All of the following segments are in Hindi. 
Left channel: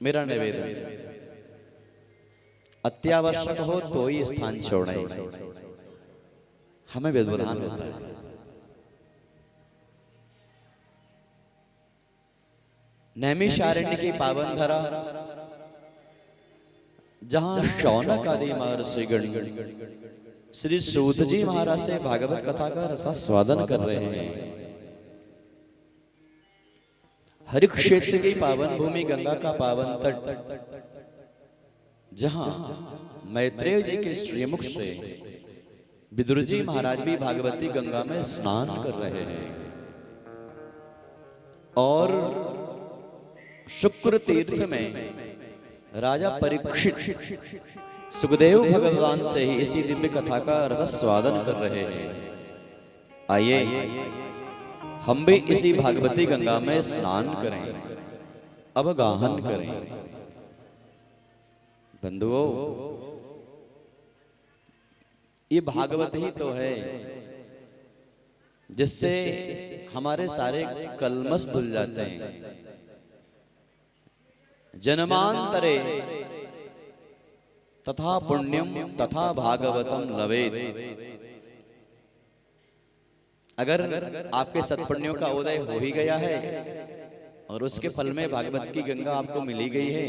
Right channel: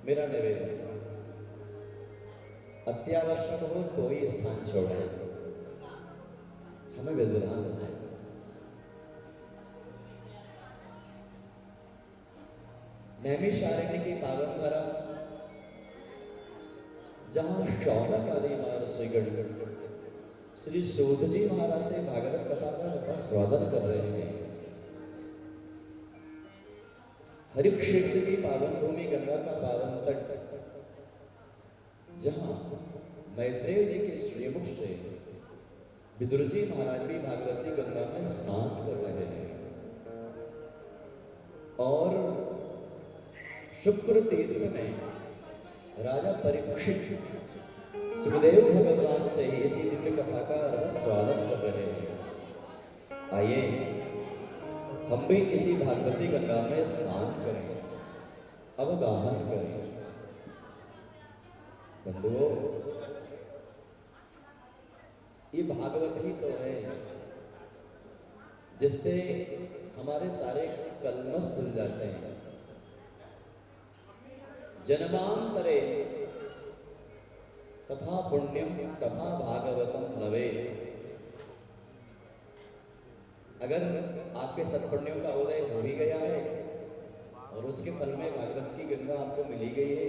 मेरा निवेदन, अत्यावश्यक हो तो ही स्थान छोड़े, हमें व्यवधान होता है। नैमिषारण्य की पावन धरा, जहां शौनक आदि महर्षिगण श्री सूत जी महाराज से भागवत कथा का रसास्वादन कर रहे हैं। हरि क्षेत्र की पावन भूमि, गंगा का पावन तट, जहां मैत्रेय जी के श्रीमुख से विदुर जी महाराज भी भागवती गंगा में स्नान कर रहे हैं। और शुक्र तीर्थ में राजा परीक्षित सुखदेव भगवान से ही इसी दिव्य कथा का रसास्वादन कर रहे हैं। आइए हम भी इसी भागवती गंगा में स्नान करें, अवगाहन करें। बंधुओं, ये भागवत ही तो है जिससे हमारे सारे कलमश धुल जाते हैं। जन्मांतरे तथा पुण्यम तथा भागवतम लवेत। अगर आपके सत्पुण्यों का उदय हो ही गया है और उसके फल में भागवत की गंगा आपको मिली गई है,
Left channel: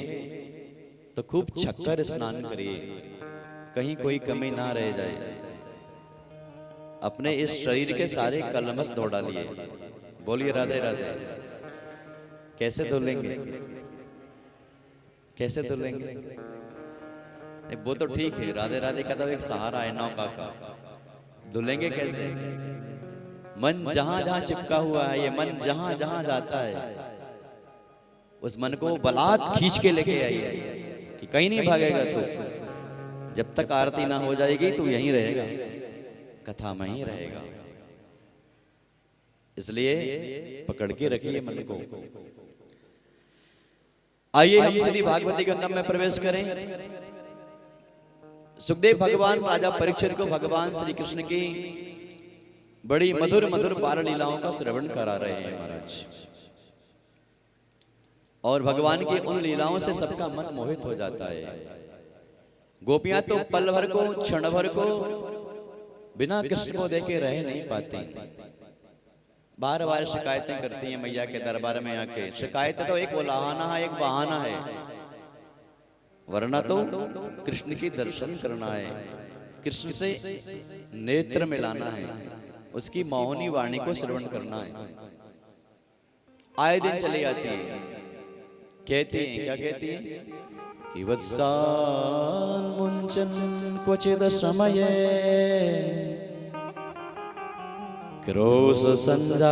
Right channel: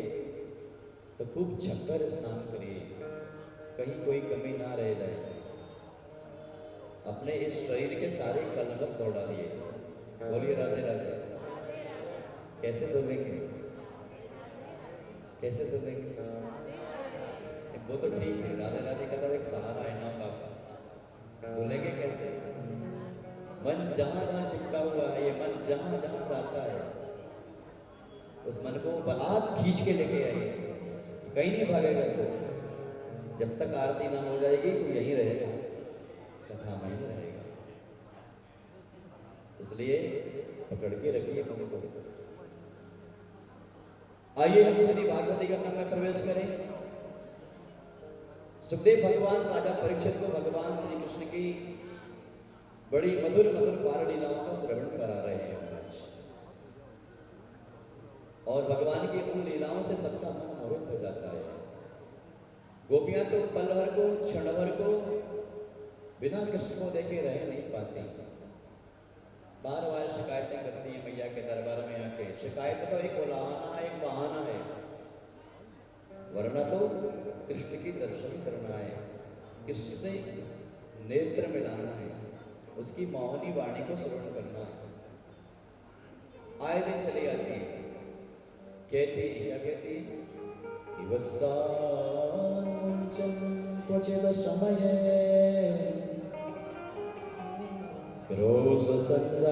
तो खूब छक्कर स्नान करिए, कहीं कोई कमी ना रह जाए। अपने इस शरीर के सारे कलमश धो डालिए। बोलिए राधे राधे। कैसे धुलेंगे? कैसे धुलेंगे? वो तो ठीक है, राधे राधे का तो एक सहारा है नौका का। धुलेंगे कैसे? मन जहां जहां चिपका हुआ है, ये मन जहां जहां जाता है, उस मन को बलात् खींच के लेके आइए कि कहीं नहीं भागेगा। तो जब तक आरती ना हो जाएगी तो यहीं रहेगा, कथा में ही रहेगा। इसलिए पकड़ के रखिए मन को। आइए हम श्री भागवती गंगा में प्रवेश करें। सुखदेव भगवान राजा परीक्षित को भगवान श्री कृष्ण की बड़ी मधुर मधुर बाल लीलाओं का श्रवण करा रहे हैं महाराज। और भगवान की उन लीलाओं से सबका मन मोहित हो जाता है। गोपियां तो पल भर को, क्षण भर को बिना कृष्ण को देखे रह नहीं पाती। बार बार शिकायतें करती हैं मैया के दरबार में आके। शिकायत तो एक उलाहना है, एक बहाना है, वरना तो कृष्ण की दर्शन करना है, कृष्ण से नेत्र मिलाना है, उसकी मोहनी वाणी को श्रवण करना है। आए दिन चली आती है, कहती है, क्या कहती है कि वत्सान मुंचन क्वचिद समये क्रोश संजात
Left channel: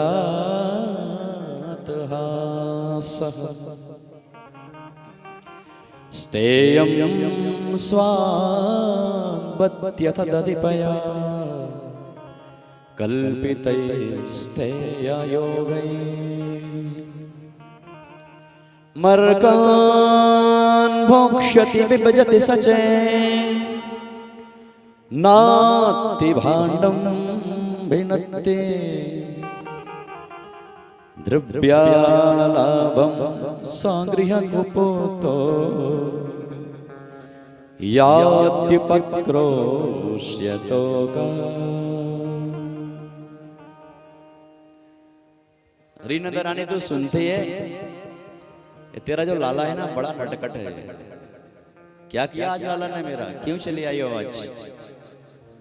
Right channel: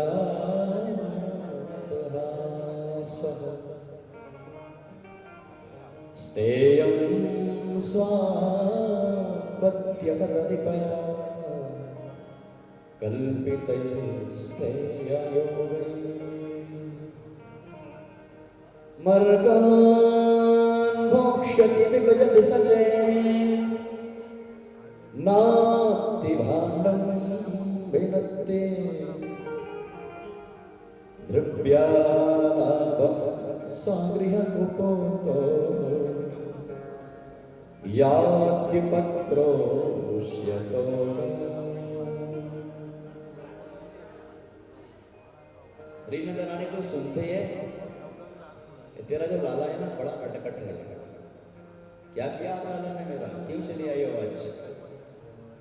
हासः स्तेयं स्वान्पत्यथ दधिपया कल्पितैस्तेययोगैः मर्कान् भोक्ष्यति विभजति सचेन् नाति भाण्डं भिनत्ति द्रव्यालाभं सागृहकुपोतो यात्युपक्रोश्यतोका। रीनंद रानी तो सुनते है, तेरा जो लाला है ना बड़ा नटखट है। क्या किया आज लाला ने मेरा? क्यों चली आई हो आज?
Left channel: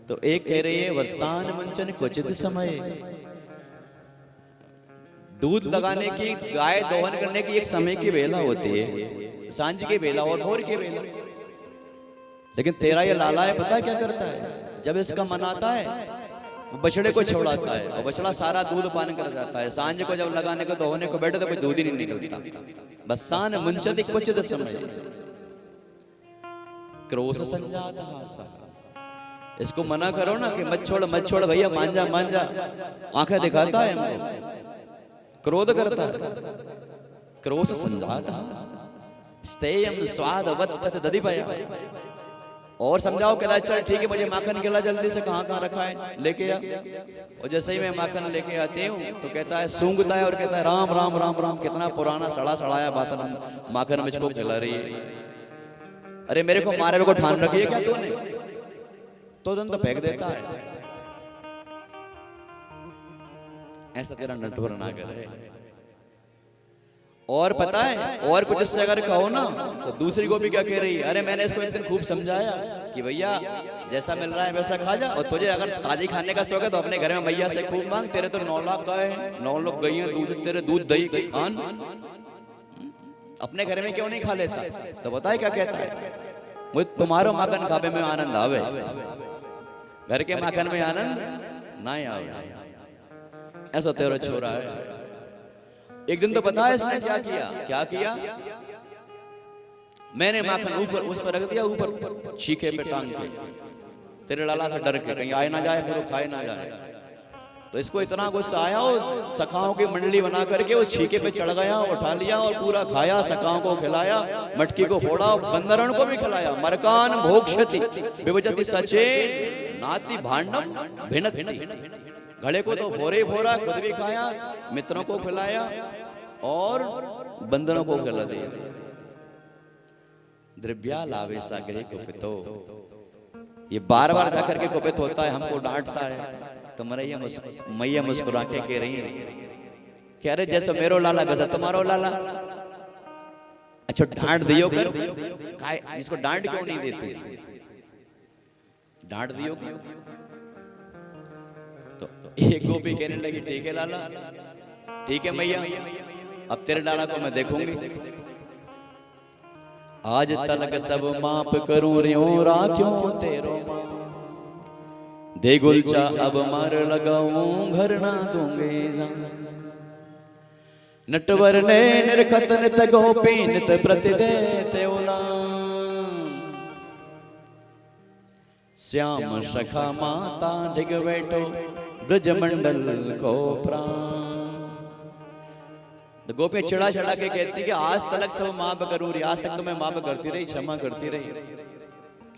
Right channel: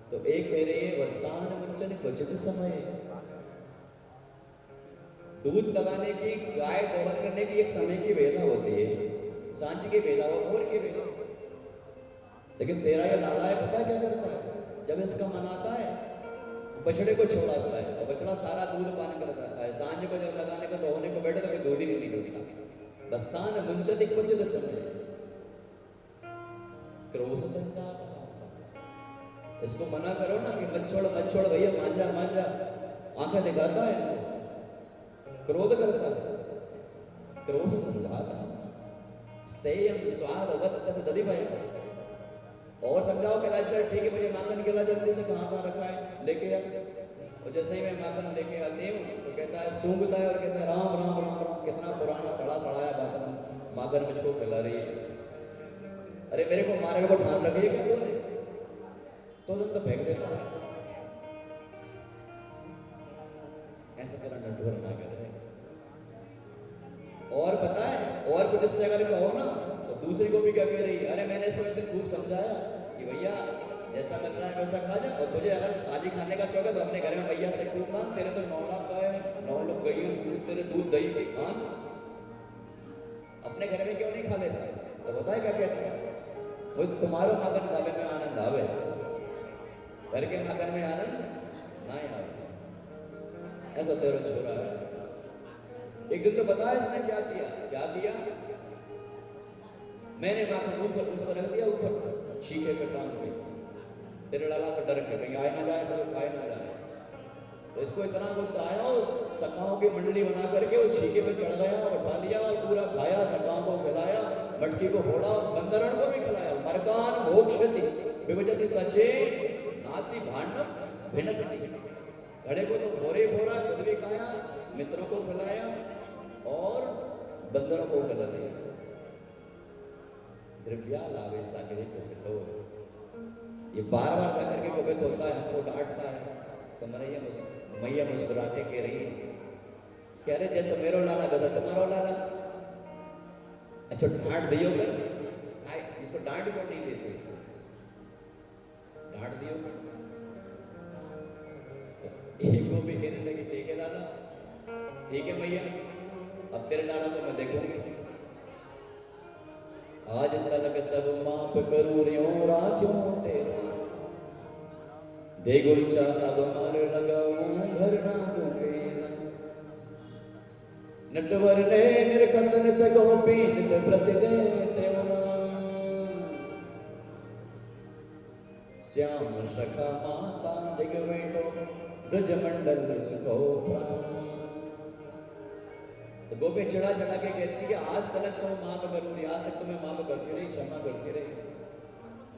तो एक कह रही है वत्सान मंचन क्वचित समय, दूध लगाने की, गाय दोहन करने की एक समय की वेला होती है, सांझ की वेला और भोर की वेला। लेकिन तेरा ये लाला है, पता है क्या करता है? जब इसका मन आता है बछड़े को छुड़ाता है और बछड़ा सारा दूध पान कर जाता है। सांझ को जब लगाने को दोहने को बैठे तो कोई दूध ही नहीं निकलता। बसान मुंचत क्वचित समय क्रोश संजात हासः। इसको मना करो ना कि मत छोड़ भैया, मान जा मान जा, आंखें दिखाता है हमको, क्रोध करता है। क्रोश संजात हासः स्तेयं स्वादवत् दधिपया। और समझाओ, कहता चल ठीक है, मुझे माखन खिला जल्दी से, कहाँ रखा है लेके आ। और जैसे ही मैं माखन लेके आती हूँ तो कहता है, सूंघता है और कहता है राम राम राम राम, कितना पुराना सड़ा सड़ाया बासन माखन मुझको खिला रही है। अरे मेरे को मारे को ठान रखी है क्या तूने? तो फेंक देता है। ऐसा तेरा नटवर ना करे। और पता है, और कुछ इससे अगर कहो ना तो दूसरी गोपी क्या कह रही है, अरे मैंने इसको इतने खूब समझाया कि भैया जैसा मिल रहा है वैसा खा जा, और तुझे अगर ताजी खाने का शौक है तो अपने घर में मैया से खूब मांग, तेरे तो 9 लाख गाय, 9 लाख गैया, दूध तेरे दूध दही खान, अपने घर में क्यों नहीं खा लेता? तो बताए क्या कहता है, मुझे तुम्हारो माखन खावे में आनंद आवे, घर के माखन में आनंद नहीं आवे। ऐसा तेरा छोरा है। एक दिन तो बता इसने क्या किया, क्या किया, मैंने माखन ऊपर उस पर रख दिया, ऊपर छीके पे टांग के, तेरे लाला से डर के कहीं आए ना जाए, फिर वो खाए ना जाए। तो इसको इतना गुस्सा आया, उस सखाओं की मंडली बना करके उस छीके पे चढ़ गया, उठा लिया और पूरा खाया, सखाओं को खिलाया, मटकी को फोड़ा, बंदरण को भी खिलाया। मरकान भोक्षति विभजति सचे नाति भांडम भिन्नति, घड़े को तो भोरे ही भोरा, खुद भी खाया, मित्रों को खिलाया और बंदरों को खिला दिया। द्रव्या लावे सागरे कुपितो, ये बार बार जाकर के कुपित होता है, हमको डांटता है। तो मैया मुस्कुरा के कह रही है, कह रहे जैसे मेरो लाला वैसा तुम्हारो लाला। अच्छा डांट दियो कर, इसको डांट क्यों नहीं देती, डांट दियो कर। तो एक गोपी कहने लगी, ठीक है लाला, ठीक है मैया, अब तेरे लाला को मैं देखूंगी, आज तलक सब माप करूं रियो राख्यो तेरो मां, दे गुलचा अब मार लगाऊं घर ना दूंगे जा। नटवर ने निरखत नित गोपी नित प्रति देते उलाम, श्याम सखा माता डिग बैठो ब्रजमंडल को प्राण। तो गोपी चिड़ा चिड़ा के कहती कि आज तक सब माफ करूँ रही, आज तक तो मैं माफ करती रही, क्षमा करती रही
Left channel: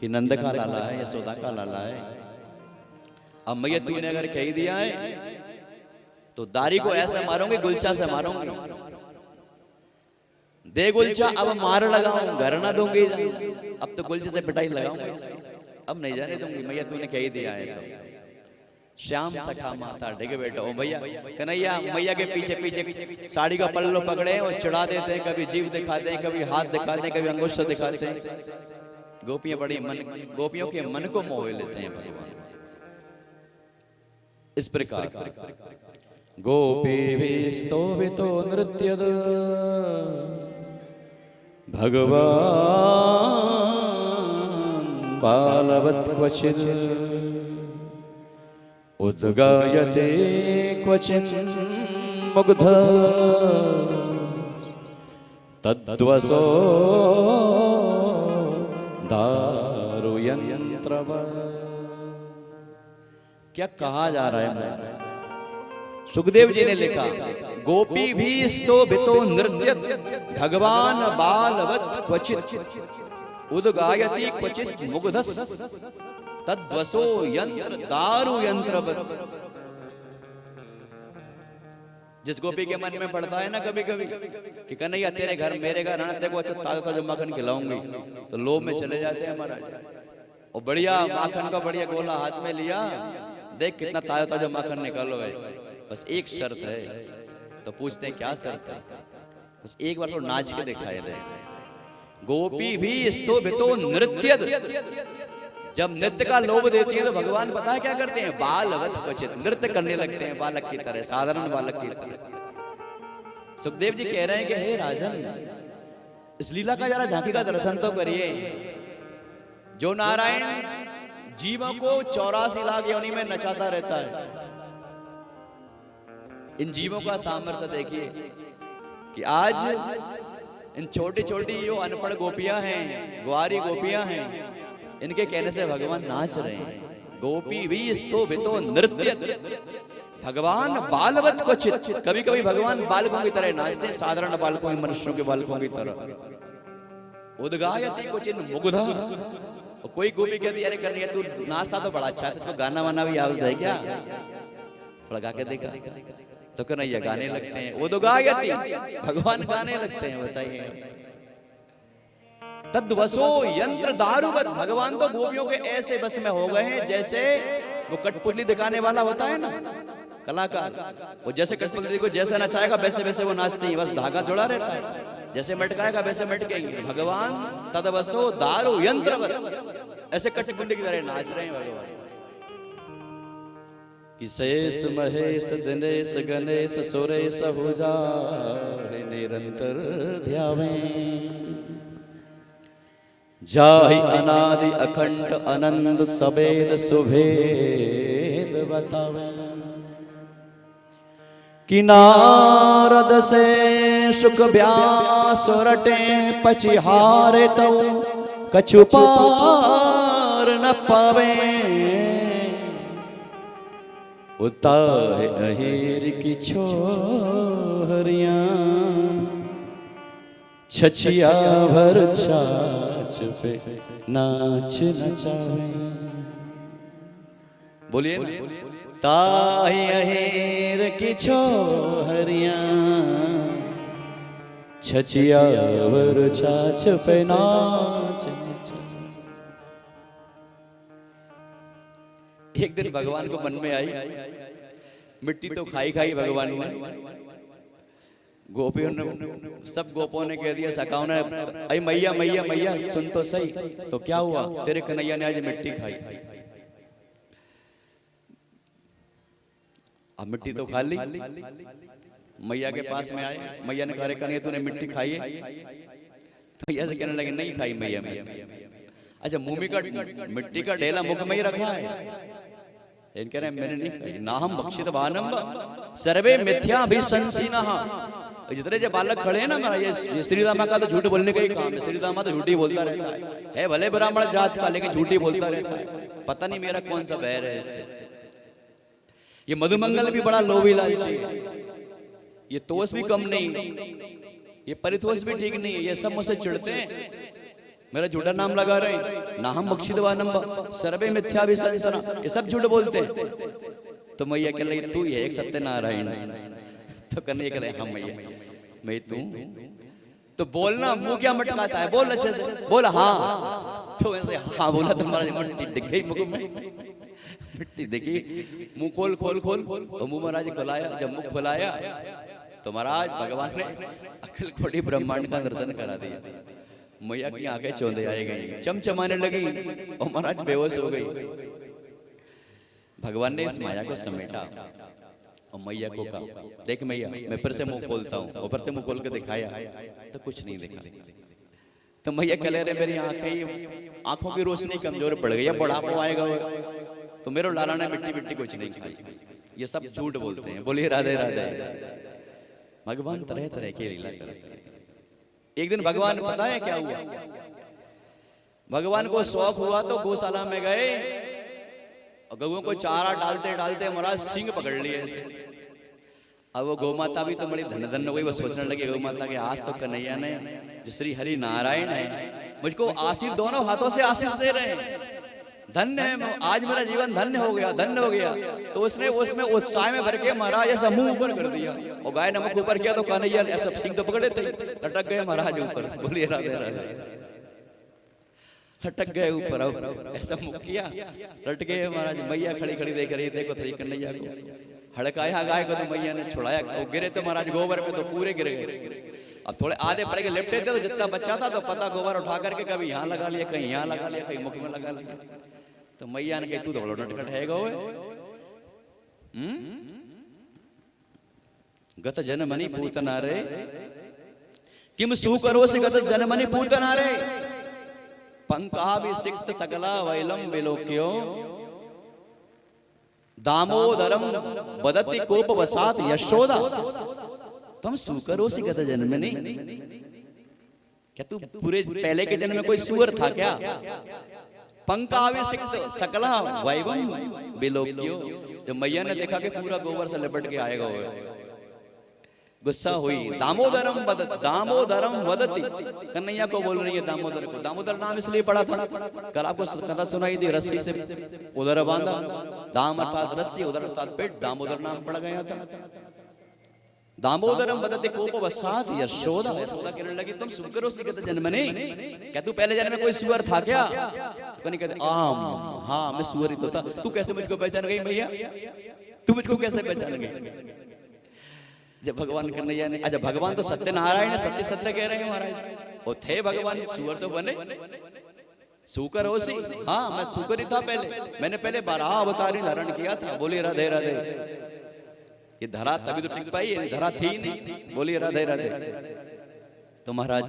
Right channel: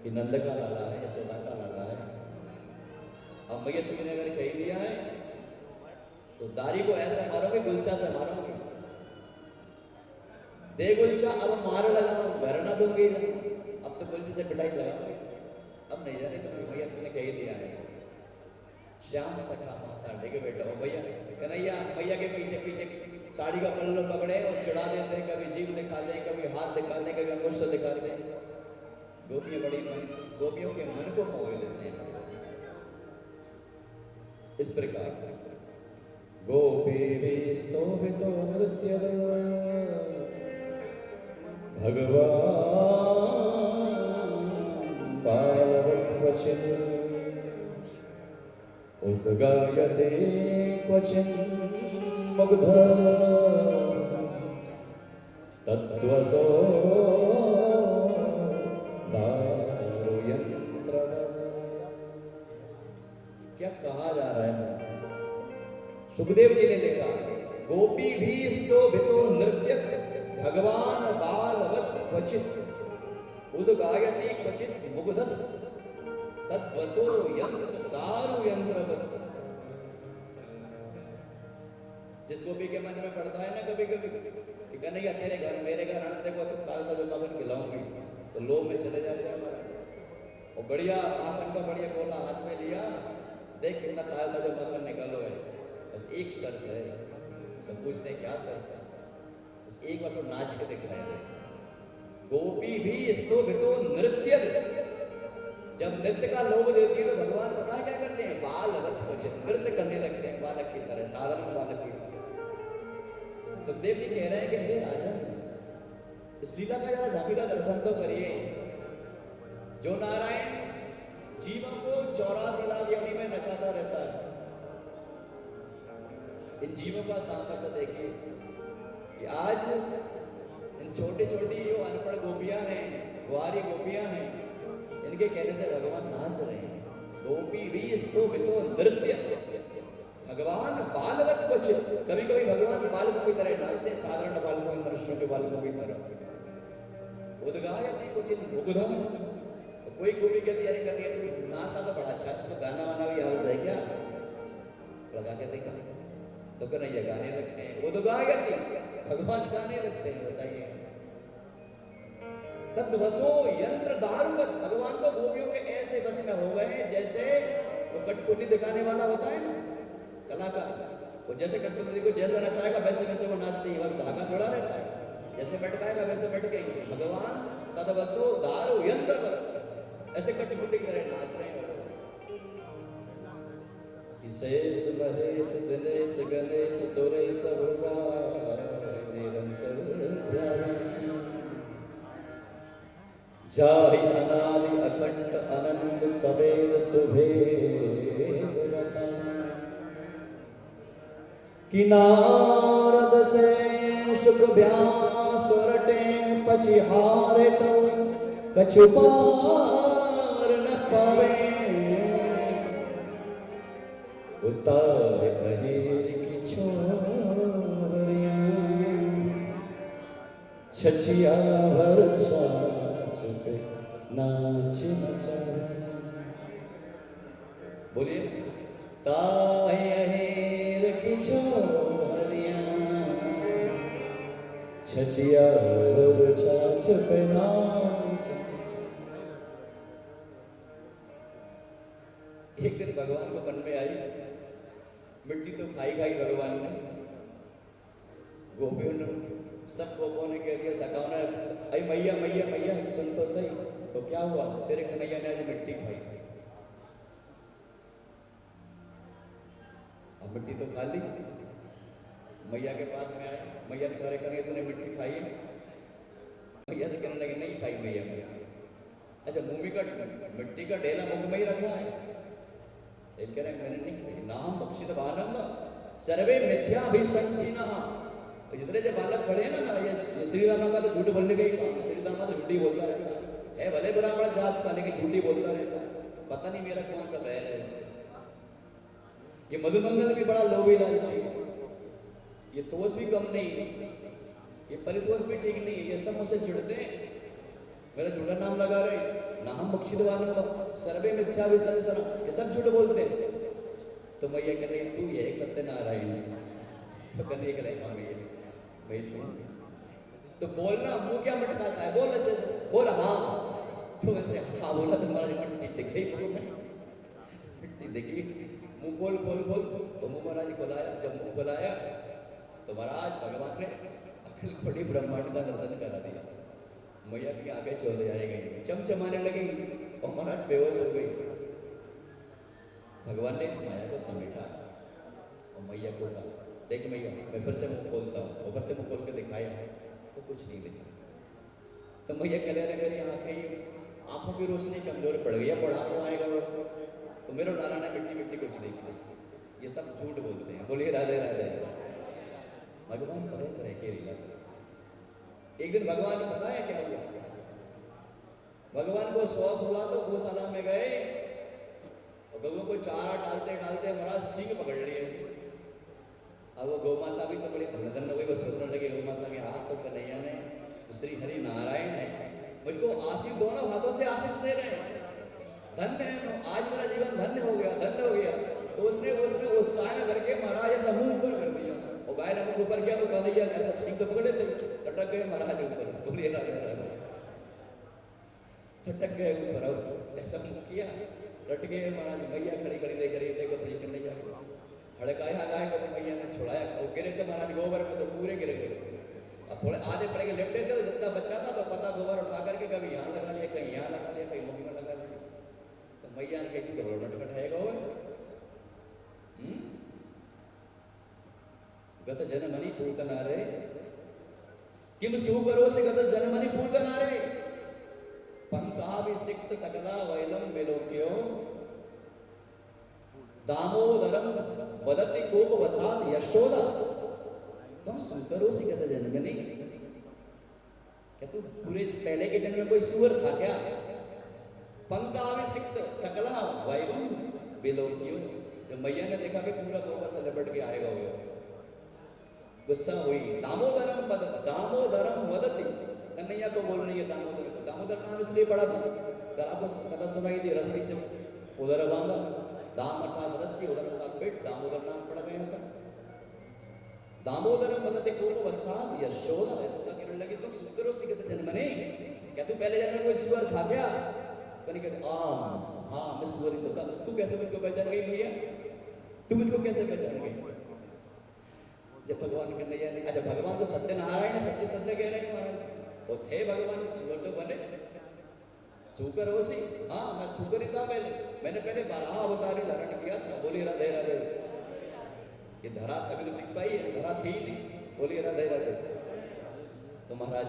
कि नंद का लाला है, यशोदा का लाला है। अब मैया तूने अगर कह दिया है तो दारी को ऐसा मारूंगी, गुलचा से मारूंगी, दे गुलचा अब मार लगाऊं घर ना दूंगी, अब तो गुलचे से पिटाई लगाऊंगी, अब नहीं जाने दूंगी, मैया तूने कह दिया है। तो श्याम सखा माता डिग बैठो, ओ भैया कन्हैया मैया के पीछे पीछे साड़ी का पल्लू पकड़े और चिढ़ा देते हैं, कभी जीभ दिखाते हैं, कभी हाथ दिखाते हैं, कभी अंगुष्ठ दिखाते हैं। गोपियां बड़ी मन, गोपियों के मन को मोह लेते हैं भगवान। इस प्रकार गोपी विस्तोभितो नृत्यद भगवान बालवत् क्वचित् उद्गायते क्वचिन् मुग्ध तद्वसो दारुयंत्रवत्। क्या कहा जा रहा है? सुखदेव जी ने लिखा, गोपी भी स्तोभितो नृत्यत भगवान बालवत् क्वचित् उद्गायति क्वचित् मुग्धस् तद्वसो यंत्र दारु यंत्रवत्। जिस गोपी के मन में पड़ता है ना कभी कभी कि कन्हैया तेरे घर मेरे घर आना, देखो अच्छा ताजा ताजा माखन खिलाऊंगी, तो लोभ में चले जाते हैं महाराज, और बढ़िया माखन का बढ़िया गोला हाथ में लिया, देख कितना ताजा ताजा माखन निकालो है, बस एक शर्त है। तो पूछते हैं क्या शर्त है? बस एक बार तो नाच के दिखाए दे। गोपी भी स्तोभितो नृत्यत, जब नृत्य का लोभ देती है तो भगवान पता है क्या करते हैं? बालवत् क्वचित्, नृत्य करने लगते हैं बालक की तरह, साधारण बालक की तरह। सुखदेव जी कह रहे हैं कि हे राजन, इस लीला का जरा झांकी का दर्शन तो करिए। जो नारायण जीवों को 84 लाख योनि में नचाता रहता है, इन जीवों का सामर्थ्य देखिए कि आज इन छोटी छोटी जो अनपढ़ गोपियां हैं, ग्वारी गोपियां हैं, इनके कहने से भगवान नाच रहे हैं। गोपी भी स्तोभितो नृत्यत भगवान बालवत् क्वचित्, कभी कभी भगवान बालकों की तरह नाचते, साधारण बालकों, मनुष्यों के बालकों की तरह। उद्गायति क्वचित् मुग्धा, कोई गोपी कहती अरे कन्हैया तू नाचता तो बड़ा अच्छा, इसको गाना वाना भी आता है क्या? थोड़ा गा के देखा तो कन्हैया गाने लगते हैं। वो तो गायती, भगवान गाने लगते हैं। बताइए, तद्वसो यंत्र दारुवत, भगवान तो गोपियों के ऐसे बस में हो गए हैं जैसे वो कठपुतली दिखाने वाला होता है ना कलाकार, वो जैसे कठपुतली को जैसे नचाएगा वैसे वैसे वो नाचती है, बस धागा जोड़ा रहता है, जैसे मटकाएगा वैसे मटकेंगे। भगवान तद्वसो दारु यंत्रवत, ऐसे कठपुतली की तरह नाच रहे हैं भगवान। शेष महेश दिनेश गणेश सुरेश हो जाए निरंतर ध्यावे, जाहि अनादि अखंड अनंत सवेद सुभेद बतावे। कि नारद से सुख व्यास रटे पचिहारे तो कछु पार न पावे, उतारे अहिर की छोहरियां छछिया भर छाछ पे नाच नचावे। बोलिए ना, ताई अहिर की छोहरियां छछिया भर छाछ पे नाच नचावे। एक दिन भगवान को मन में आई, मिट्टी तो खाई खाई भगवान ने, गोपियों ने, सब गोपों ने कह दिया, सखाओं ने, अरे मैया मैया मैया सुन तो सही, तो क्या हुआ, तेरे कन्हैया ने आज मिट्टी खाई। अब मिट्टी तो खा ली, मैया के पास में आए, मैया ने कहा कन्हैया तूने मिट्टी खाई है? मैया से कहने लगे नहीं खाई मैया मैया। अच्छा, मुंह का मिट्टी का ढेला मुख में ही रखा है? एक कह रहे मैंने नहीं खाई। ना हम भक्षित भानम सर्वे मिथ्या अभिशंसिना। जितने जो बालक खड़े हैं ना, मेरा ये श्रीदामा का तो झूठ बोलने का ही काम है। श्रीदामा तो झूठी बोलता रहता है भले ब्राह्मण जात का, लेकिन झूठी बोलता रहता है। पता नहीं मेरा कौन सा बैर है इससे। ये मधुमंगल भी बड़ा लोभी लालची है, ये तोष भी कम नहीं, ये परितोष भी ठीक नहीं है। ये सब मुझसे चिढ़ते हैं, मेरा झूठा नाम लगा रहे, ना हम मोक्षितवानम सर्वे मिथ्या भी संसना, ये सब झूठ बोलते हैं। तो मैया कह रही तू ये एक सत्यनारायण। तो कहने के लिए हाँ मैया मैं तू, तो बोलना, मुंह क्या मटकाता है, बोल अच्छे से बोल। हाँ तो वैसे हाँ बोला, तुम्हारा मिट्टी दिख गई मुंह में, मिट्टी देखी, मुंह खोल खोल खोल, और मुंह महाराज खुलाया। जब मुंह खुलाया तो महाराज भगवान ने अखिल खोटी ब्रह्मांड का दर्शन करा दिया। मैया की आंखें चौंध जाए गई, चमचमाने लगी और महाराज बेहोश हो गई। भगवान ने इस माया को समेटा और मैया को कहा देख मैया मैं फिर से मुंह खोलता हूँ, और फिर से मुंह खोल के दिखाया तो कुछ नहीं दिखा। तो मैया कह रहे मेरी आंखों की रोशनी कमजोर पड़ गई, बुढ़ापा आएगा तो मेरे लाला ने मिट्टी मिट्टी कुछ नहीं खाई। ये सब झूठ बोलते हैं। बोलिए राधे राधे। भगवान तरह तरह की लीला करते हैं। एक दिन भगवान पता है क्या हुआ, भगवान को शौक हुआ तो गौशाला में गए और गौओं को चारा डालते डालते महाराज सिंह पकड़ लिए ऐसे। अब वो गौ माता भी तो बड़ी धन धन हो गई, वो सोचने लगे गौ माता के आज तो कन्हैया ने जो श्री हरि नारायण है मुझको आशीष दोनों हाथों से आशीष दे रहे हैं, धन्य है, आज मेरा जीवन धन्य हो गया, धन्य हो गया। तो उसने उसमें उत्साह में भर के महाराज ऐसा मुंह ऊपर कर दिया और गाय ने मुख ऊपर किया तो कन्हैया ऐसा सिंह तो पकड़े थे, लटक गए महाराज ऊपर। बोलिए राधे राधे। लटक गए ऊपर, ऐसा मुंह किया लट गए महाराज। मैया खड़ी खड़ी देख रही, देखो तो कन्हैया को हड़काया गाय को, तो मैया ने छुड़ाया, वो गिरे तो महाराज गोबर में तो पूरे गिरे। अब थोड़े आधे पड़े के लिपटे थे तो जितना बच्चा था तो पता गोबर उठा करके कभी यहाँ लगा लिया, कहीं यहाँ लगा लिया, कहीं मुख में लगा लिया। तो मैया ने कही तू तो बड़ो नटखट है गो, गत जनमनि पूतनारे किम सुकरोसि गत जनमनि पूतनारे पंकाभिषिक्त सकला वैलम विलोक्यो दामोदरम वदति कोप वसात यशोदा तुम सुकरोसि गत जन्मनि। क्या तू पूरे पहले के जन्म में कोई सुअर था क्या? पंकाभिषिक्त सकला वैभव विलोक्यो। जब मैया ने देखा कि पूरा गोबर से लिपट के आएगा, गुस्सा हुई। दामोदरम वदति, कन्हैया को बोल रही है दामोदर को। दामोदर नाम इसलिए पड़ा था, कल आपको कथा सुनाई थी, रस्सी से उधर बांधा दाम अर्थात रस्सी, उदर अर्थात पेट, दामोदर नाम पड़ गया था। दामोदरम बदते कोपवसात यशोदा। यशोदा कहने लगी तुम सुकर गत जन्मने, क्या तू पहले जन्म में कोई सुअर था क्या? कहीं कहते आम, हाँ मैं सुअर ही तो था। तू कैसे मुझको पहचान गई मैया? तू मुझको कैसे पहचान गई? जब भगवान कन्हैया ने, अच्छा भगवान तो सत्यनारायण है, सत्य सत्य कह रहे हैं महाराज, वो थे भगवान, सुअर तो बने, सुकर हो सी। हाँ मैं सुकर ही था पहले, मैंने पहले बारह अवतार धारण किया था। बोलिए राधे राधे। ये धरा तभी तो टिक पाई, ये धरा थी नहीं। बोलिए राधे राधे। तो महाराज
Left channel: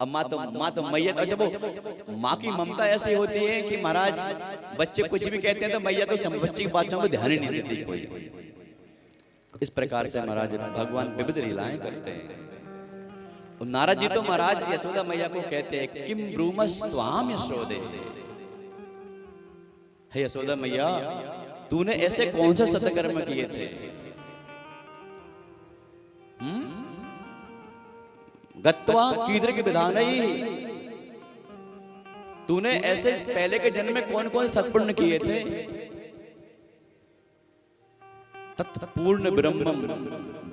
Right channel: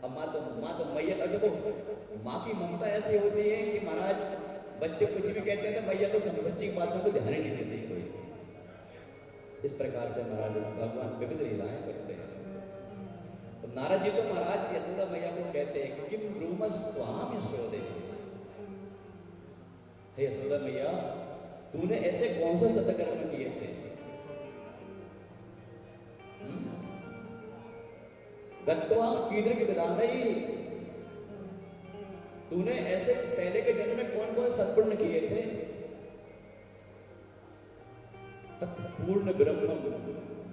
अब माँ तो मैया तो, जब वो माँ की ममता ऐसी होती है कि महाराज बच्चे कुछ भी कहते हैं तो मैया तो बच्चे की बातों को ध्यान ही नहीं देती कोई। इस प्रकार से महाराज भगवान विविध लीलाएं करते हैं। नारद जी तो महाराज यशोदा मैया को कहते हैं किम ब्रूमस त्वाम यशोदे, हे यशोदा मैया तूने ऐसे कौन से सत्कर्म किए थे? गत्वा कीदृ के विधान ही, तूने ऐसे पहले के जन्म में कौन कौन सत्पुण्य किए थे? तत्पूर्ण ब्रह्मम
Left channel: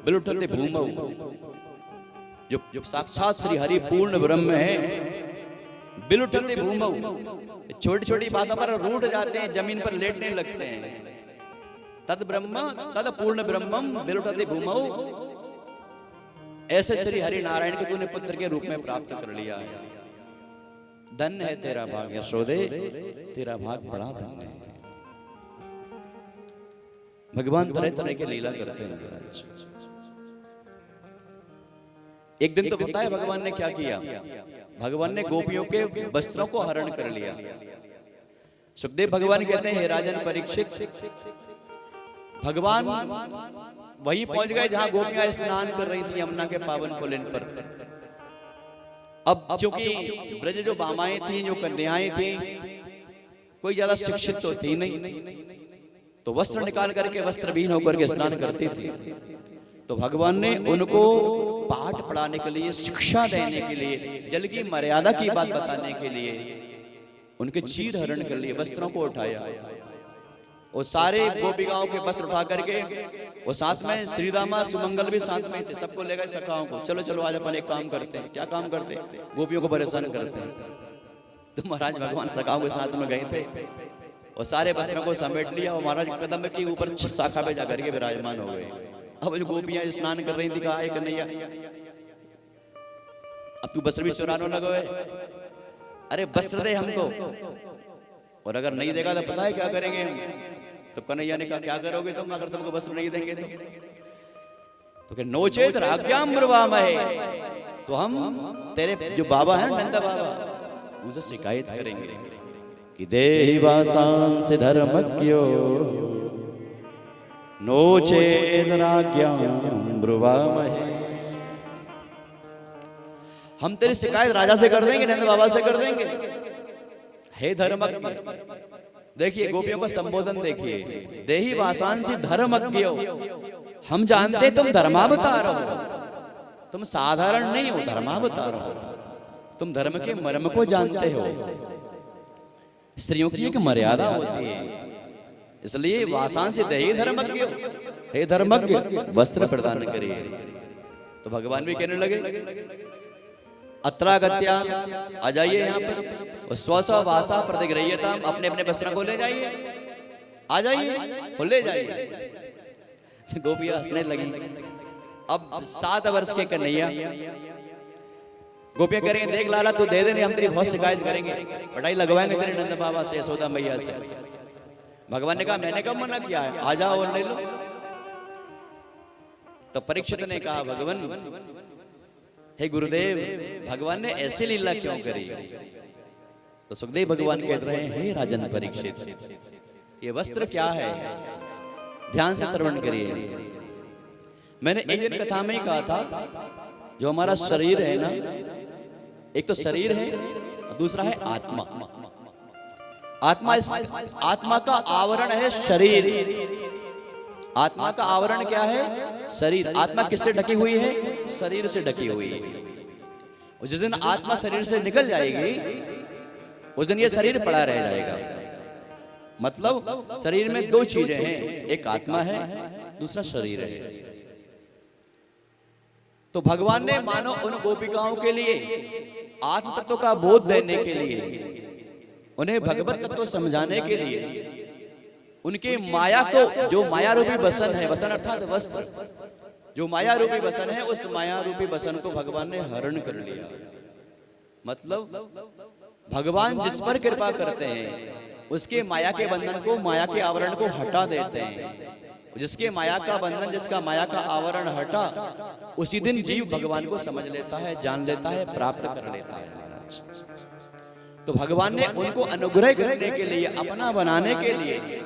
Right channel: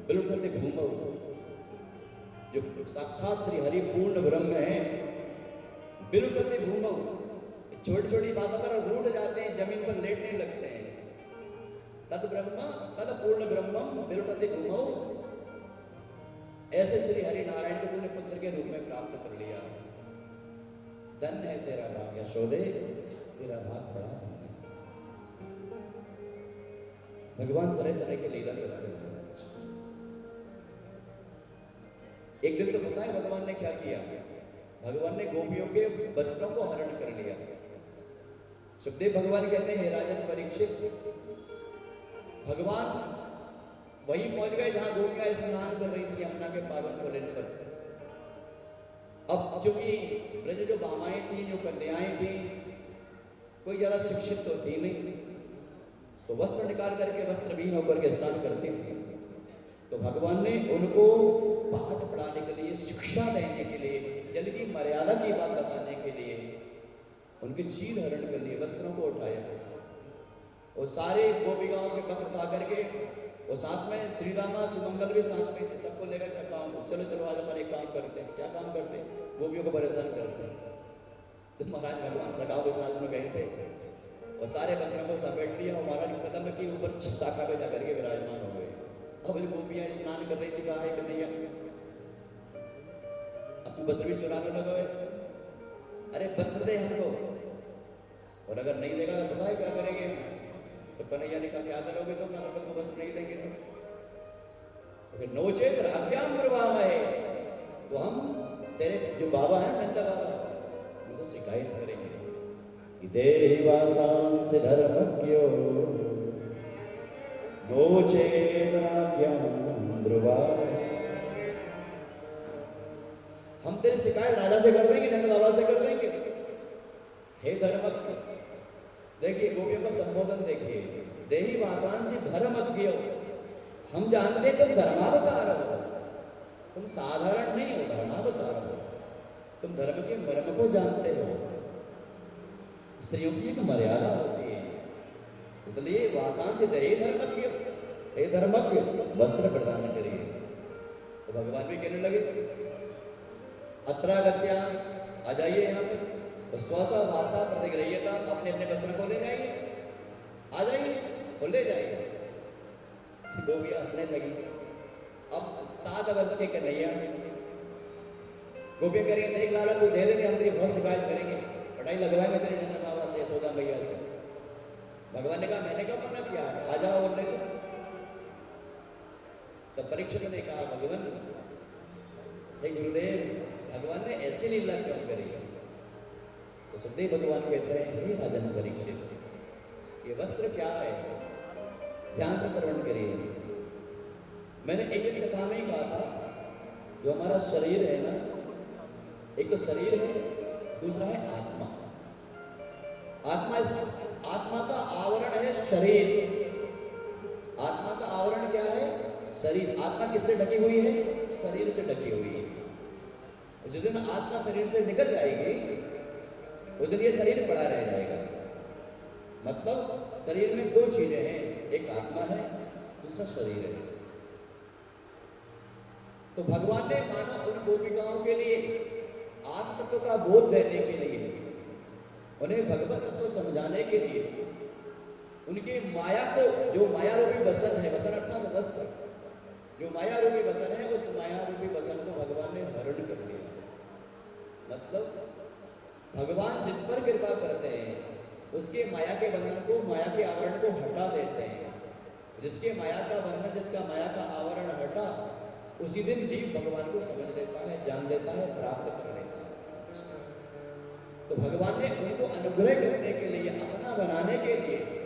बिलुठते भूमौ, जो साक्षात श्री हरि पूर्ण ब्रह्म है, बिलुठते भूमौ, छोटी छोटी बातों पर रूठ जाते हैं, जमीन पर लेटने लगते हैं। तद ब्रह्म तद पूर्ण ब्रह्मम बिलुठते भूमौ, ऐसे श्री हरि नारायण को तूने पुत्र के रूप में प्राप्त कर लिया। धन्य है तेरा भाग यशोदे, तेरा भाग बड़ा धन्य है। भगवान तरह तरह के लीला करते हैं महाराज। एक दिन तो पता है भगवान ने क्या किया? भगवान ने गोपियों के वस्त्रों को हरण कर लिया। सुखदेव भगवान कहते हैं हे राजन परीक्षित, भगवान वहीं पहुंच गए जहां गोपियां स्नान कर रही थी यमुना के पावन पुलिन पर। अब चूंकि ब्रज जो बामाएं थी, जो कन्याएं थी, कोई ज्यादा शिक्षित तो थी नहीं, तो वस्त्र निकाल करके वस्त्रहीन होकर के स्नान करती थी। तो भगवान ने उनको पाठ पढ़ाने के लिए, शिक्षा देने के लिए, जल की मर्यादा की बात बताने के लिए उनके चीर हरण कर लिए, वस्त्रों को उठाया। वो सारे गोपिकाओं के वस्त्र उठा करके, वो साथ में श्री रामा सुमंगल भी साथ में थे, सबको ले गए सखाओं को, चलो चलो आज अपन एक काम करते हैं। क्या काम करते हैं? गोपियों को परेशान करते हैं। तो महाराज भगवान सखाओं के साथ में गए थे, और सारे वस्त्रों को समेट लिया और महाराज कदम के ऊपर शाखा पे जाकर के विराजमान हो गए। अब जो गोपियां स्नान कर रही थी, कहा कन्हैया अब तू वस्त्र भी चुराने लगा है, अरे वस्त्र दे हमको, और अगर नहीं देगा तो पता है क्या करेंगे? तो कन्हैया ने कहा क्या करोगे तुम अगर तुमको वस्त्र नहीं देंगे? तो कि नोचेत राज्ञाम ब्रुवामहे, तो हम तेरे जो बाबा है नंद बाबा, उनसे शिकायत करेंगे कि देहि वासांसि धर्मज्ञो नोचेत राज्ञाम ब्रुवामहे। हम तेरी शिकायत राजा से कर देंगे, नंद बाबा से कर देंगे। हे धर्मज्ञ, देखिए गोपियों का संबोधन देखिए, देहि वासांसि धर्मज्ञो, हम जानते तुम धर्मावतार हो, तुम साधारण नहीं हो, धर्मावतार हो, तुम धर्म के मर्म को जानते हो। स्त्रियों की एक मर्यादा होती है, इसलिए वासांसि देहि धर्मज्ञ, हे धर्मज्ञ वस्त्र प्रदान करिए। तो भगवान भी कहने लगे अत्रागत्या, आ जाइए यहाँ पर, स्व स्व वासा प्रतिगृह्यता, अपने अपने वस्त्रों को ले जाइए, आ जाइए और ले जाइए। गोपियां हंसने लगी। अब 7 वर्ष के कन्हैया, गोपियां करेंगे देख लाला तू दे दे, नहीं हम तेरी बहुत शिकायत करेंगे, पढ़ाई लगवाएंगे तेरे नंद बाबा से, यशोदा मैया से। भगवान ने कहा मैंने कब मना किया है, आ जाओ और ले लो। तो परीक्षित ने कहा भगवान, हे गुरुदेव भगवान ने ऐसी लीला क्यों करी? तो सुखदेव भगवान कह रहे हैं हे राजन परीक्षित, ये वस्त्र क्या है? ध्यान से श्रवण करिए। मैंने एक कथा में ही कहा था, जो हमारा शरीर है ना, एक तो शरीर है, दूसरा है आत्मा। आत्मा का आवरण है शरीर। आत्मा का आवरण क्या है? शरीर। आत्मा किससे ढकी हुई है? शरीर से ढकी हुई है। जिस दिन आत्मा शरीर से निकल जाएगी, उस दिन ये शरीर पड़ा रह जाएगा। मतलब शरीर में दो चीजें हैं, एक आत्मा है, दूसरा शरीर है। तो भगवान ने मानो उन गोपिकाओं के लिए आत्म तत्व का बोध देने के लिए, उन्हें भगवत तत्व समझाने के लिए, उनके माया को, जो माया रूपी बसन है, बसन अर्थात वस्त्र, जो माया रूपी बसन है, उस माया रूपी बसन को भगवान ने हरण कर लिया। मतलब भगवान जिस पर कृपा करते हैं उसके माया के बंधन को, माया के आवरण को हटा देते हैं। जिसके माया का बंधन, जिसका माया का आवरण हटा, उसी दिन जीव भगवान को समझ लेता है, जान लेता है, प्राप्त कर लेता है महाराज। तो भगवान ने उनको अनुग्रह करने के लिए, अपना बनाने के लिए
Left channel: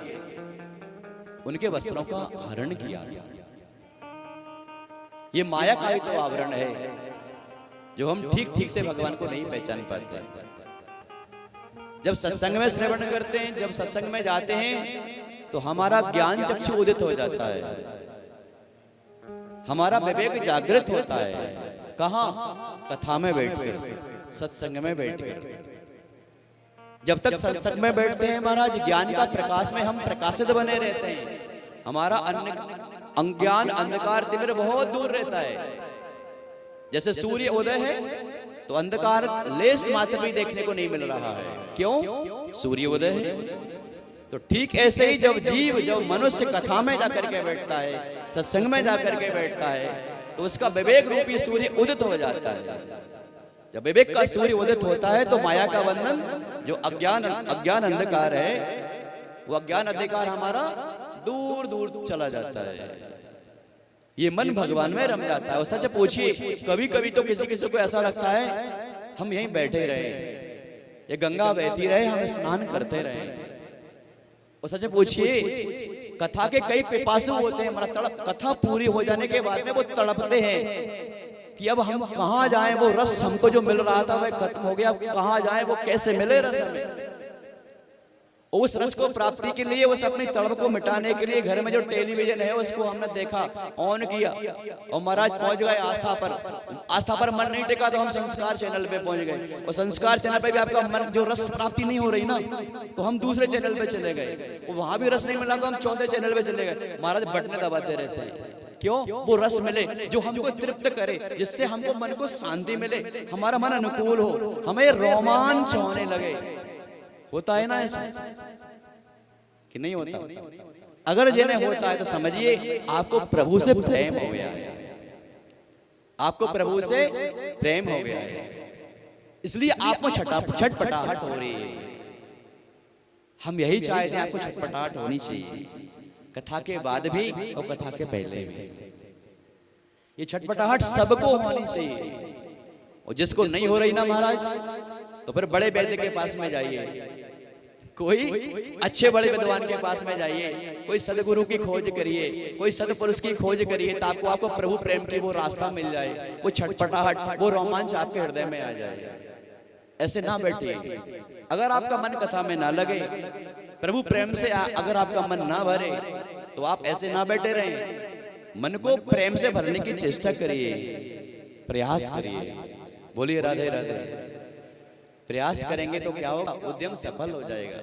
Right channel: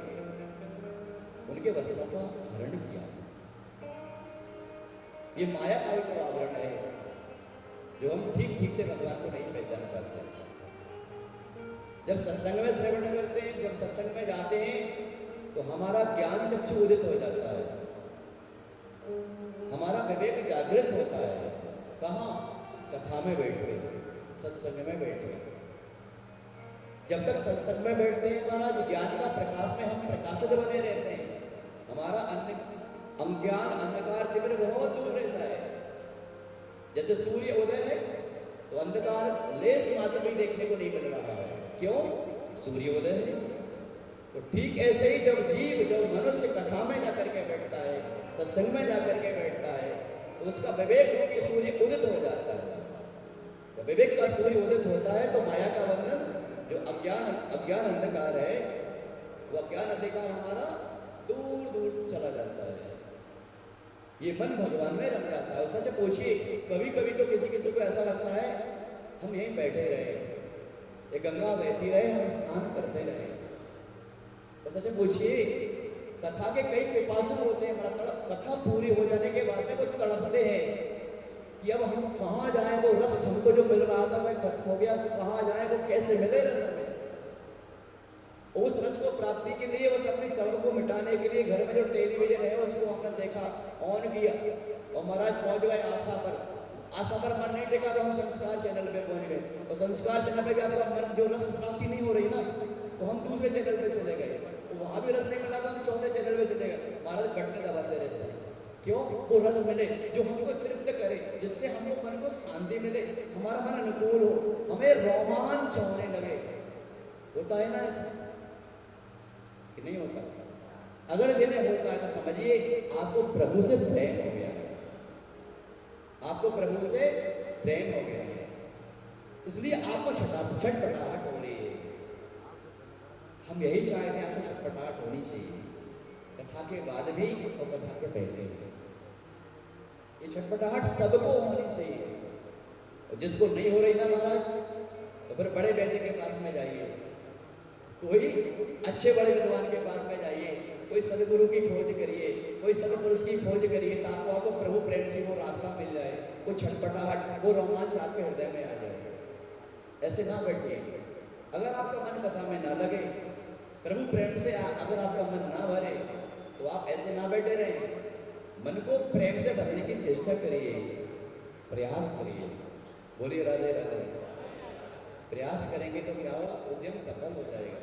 उनके वस्त्रों का हरण किया। ये माया का ही तो आवरण है जो हम ठीक ठीक से भगवान को नहीं पहचान पाते। जब सत्संग में श्रवण करते हैं, जब सत्संग में जाते हैं, तो हमारा ज्ञान चक्षु उदित हो जाता है, हमारा विवेक जागृत होता है। कहाँ? कथा में बैठकर, सत्संग में बैठकर। जब तक सत्संग में बैठते हैं महाराज, ज्ञान का प्रकाश में हम प्रकाशित बने रहते हैं। हमारा अज्ञान, अंधकार, तिमिर बहुत दूर रहता है। जैसे सूर्य उदय है तो अंधकार लेस मात्र भी देखने को नहीं मिल रहा है। क्यों? सूर्य उदय है। तो ठीक ऐसे ही जब जीव, जब मनुष्य कथा में जाकर के बैठता है, सत्संग में जाकर के बैठता है, तो उसका विवेक रूपी सूर्य उदित हो जाता है। जब विवेक का सूर्य उदित होता है तो माया का बंधन, जो अज्ञान अंधकार है, वो अज्ञान अंधकार हमारा दूर दूर चला जाता है। ये मन भगवान में रम जाता है। और सच पूछिए, कभी कभी तो किसी किसी को ऐसा लगता है हम यहीं बैठे रहे, ये गंगा बहती रहे, हम स्नान करते रहे। और सच पूछिए, कथा के कई पिपासु होते हैं, हमारा कथा पूरी हो जाने के बाद में वो तड़पते हैं कि अब हम कहाँ जाएं, वो रस हमको जो मिल रहा था वह खत्म हो गया, अब कहाँ जाएं, वो कैसे मिले रस हमें। उस रस को प्राप्ति के लिए, उस अपनी तड़प को मिटाने के लिए घर में जो टेलीविजन है उसको हमने देखा, ऑन किया और महाराज पहुंच गए आस्था पर। आस्था पर मन नहीं टिका तो हम संस्कार चैनल पे पहुंच गए, और संस्कार चैनल पे भी आपका मन, जो रस प्राप्ति नहीं हो रही ना, तो हम दूसरे चैनल पे चले गए। वहां भी रस नहीं मिला तो हम चौथे चैनल पे चले गए। महाराज बटने दबाते रहते हैं। क्यों? वो रस मिले जो हमको तृप्त करे, जिससे हमको मन को शांति मिले, हमारा मन अनुकूल हो, हमें रोमांच होने लगे। होता है ना ऐसा कि नहीं होता? अगर जिन्हें होता है तो समझिए आपको प्रभु से प्रेम हो गया है, आपको प्रभु से प्रेम हो गया है, इसलिए आपको छटपटाहट हो रही है। हम यही चाहते हैं, आपको छटपटाहट होनी चाहिए, कथा के बाद भी और कथा के पहले भी। ये छटपटाहट सबको होनी चाहिए। और जिसको नहीं हो रही ना महाराज, तो फिर बड़े वैद्य के पास में जाइए, कोई अच्छे बड़े विद्वान के पास में जाइए, कोई सदगुरु की खोज करिए, कोई सदपुरुष की खोज करिए, ताकि आपको प्रभु प्रेम की वो रास्ता मिल जाए, वो छटपटाहट, वो रोमांच आपके हृदय में आ जाए। ऐसे ना बैठिए। अगर आपका मन कथा में ना लगे, प्रभु प्रेम से अगर आपका मन ना भरे, तो आप ऐसे ना बैठे रहें। मन को प्रेम से भरने की चेष्टा करिए, प्रयास करिए। बोलिए राधे राधे। प्रयास करेंगे तो क्या होगा? उद्यम सफल हो जाएगा।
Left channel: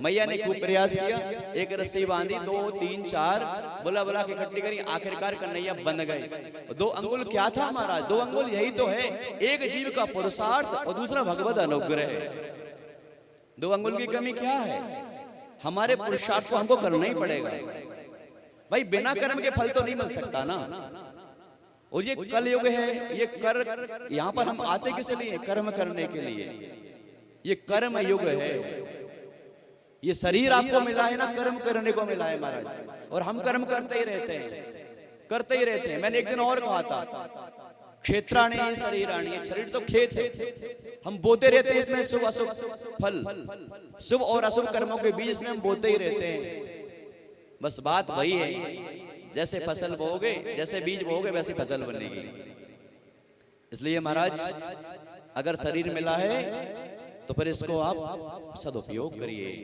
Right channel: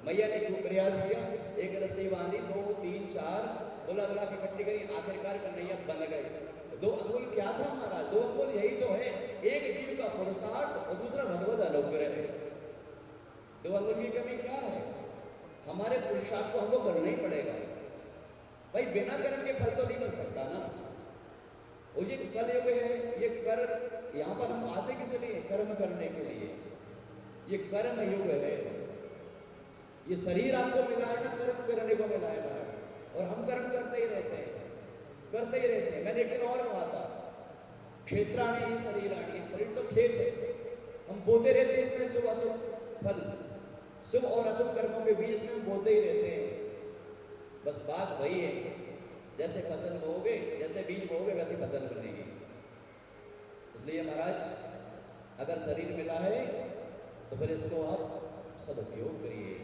मैया ने खूब प्रयास किया, एक रस्सी बांधी, 2 3 4 बुला बुला के इकट्ठी करी, आखिरकार कन्हैया बन गए। 2 अंगुल क्या था महाराज? 2 अंगुल यही तो है, एक जीव का पुरुषार्थ और दूसरा भगवत अनुग्रह। 2 अंगुल की कमी क्या है? हमारे पुरुषार्थ को हमको करना ही पड़ेगा भाई, बिना कर्म के फल तो नहीं मिल सकता ना। और ये कल युग है, ये कर, यहाँ पर हम आते किस लिए? कर्म करने के लिए। ये कर्म युग है। ये शरीर आपको मिला है ना, कर्म करने को मिला है महाराज, और हम कर्म करते ही रहते हैं, करते ही रहते हैं। मैंने एक दिन और कहा था, क्षेत्राणी है शरीराणी है, शरीर तो खेत है, हम बोते रहते हैं इसमें शुभ अशुभ फल, शुभ और अशुभ कर्मों के बीच में हम बोते ही रहते हैं। बस बात वही है, जैसे फसल बोओगे, जैसे बीज बोओगे वैसे फसल बनेगी। इसलिए महाराज, अगर शरीर मिला है तो फिर इसको आप सदुपयोग करिए।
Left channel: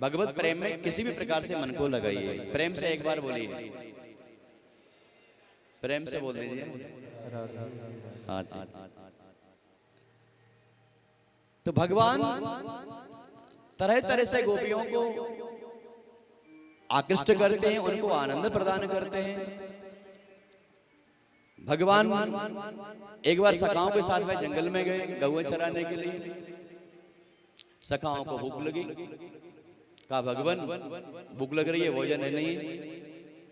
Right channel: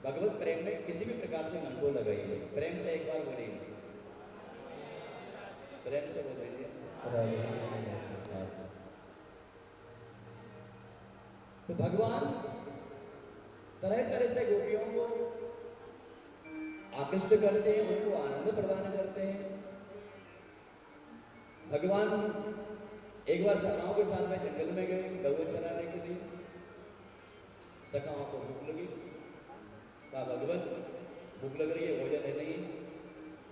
भगवत प्रेम में किसी भी प्रकार से मन को लगाइए। प्रेम से एक बार बोलिए, प्रेम से बोल दीजिए। हाँ जी। तो भगवान तरह तरह से गोपियों को आकृष्ट करते हैं, उनको आनंद प्रदान करते हैं। भगवान एक बार सखाओं के साथ में जंगल में गए गौएं चराने के लिए। सखाओं को भूख लगी, कहा भगवान भूख लग रही है, भोजन है नहीं।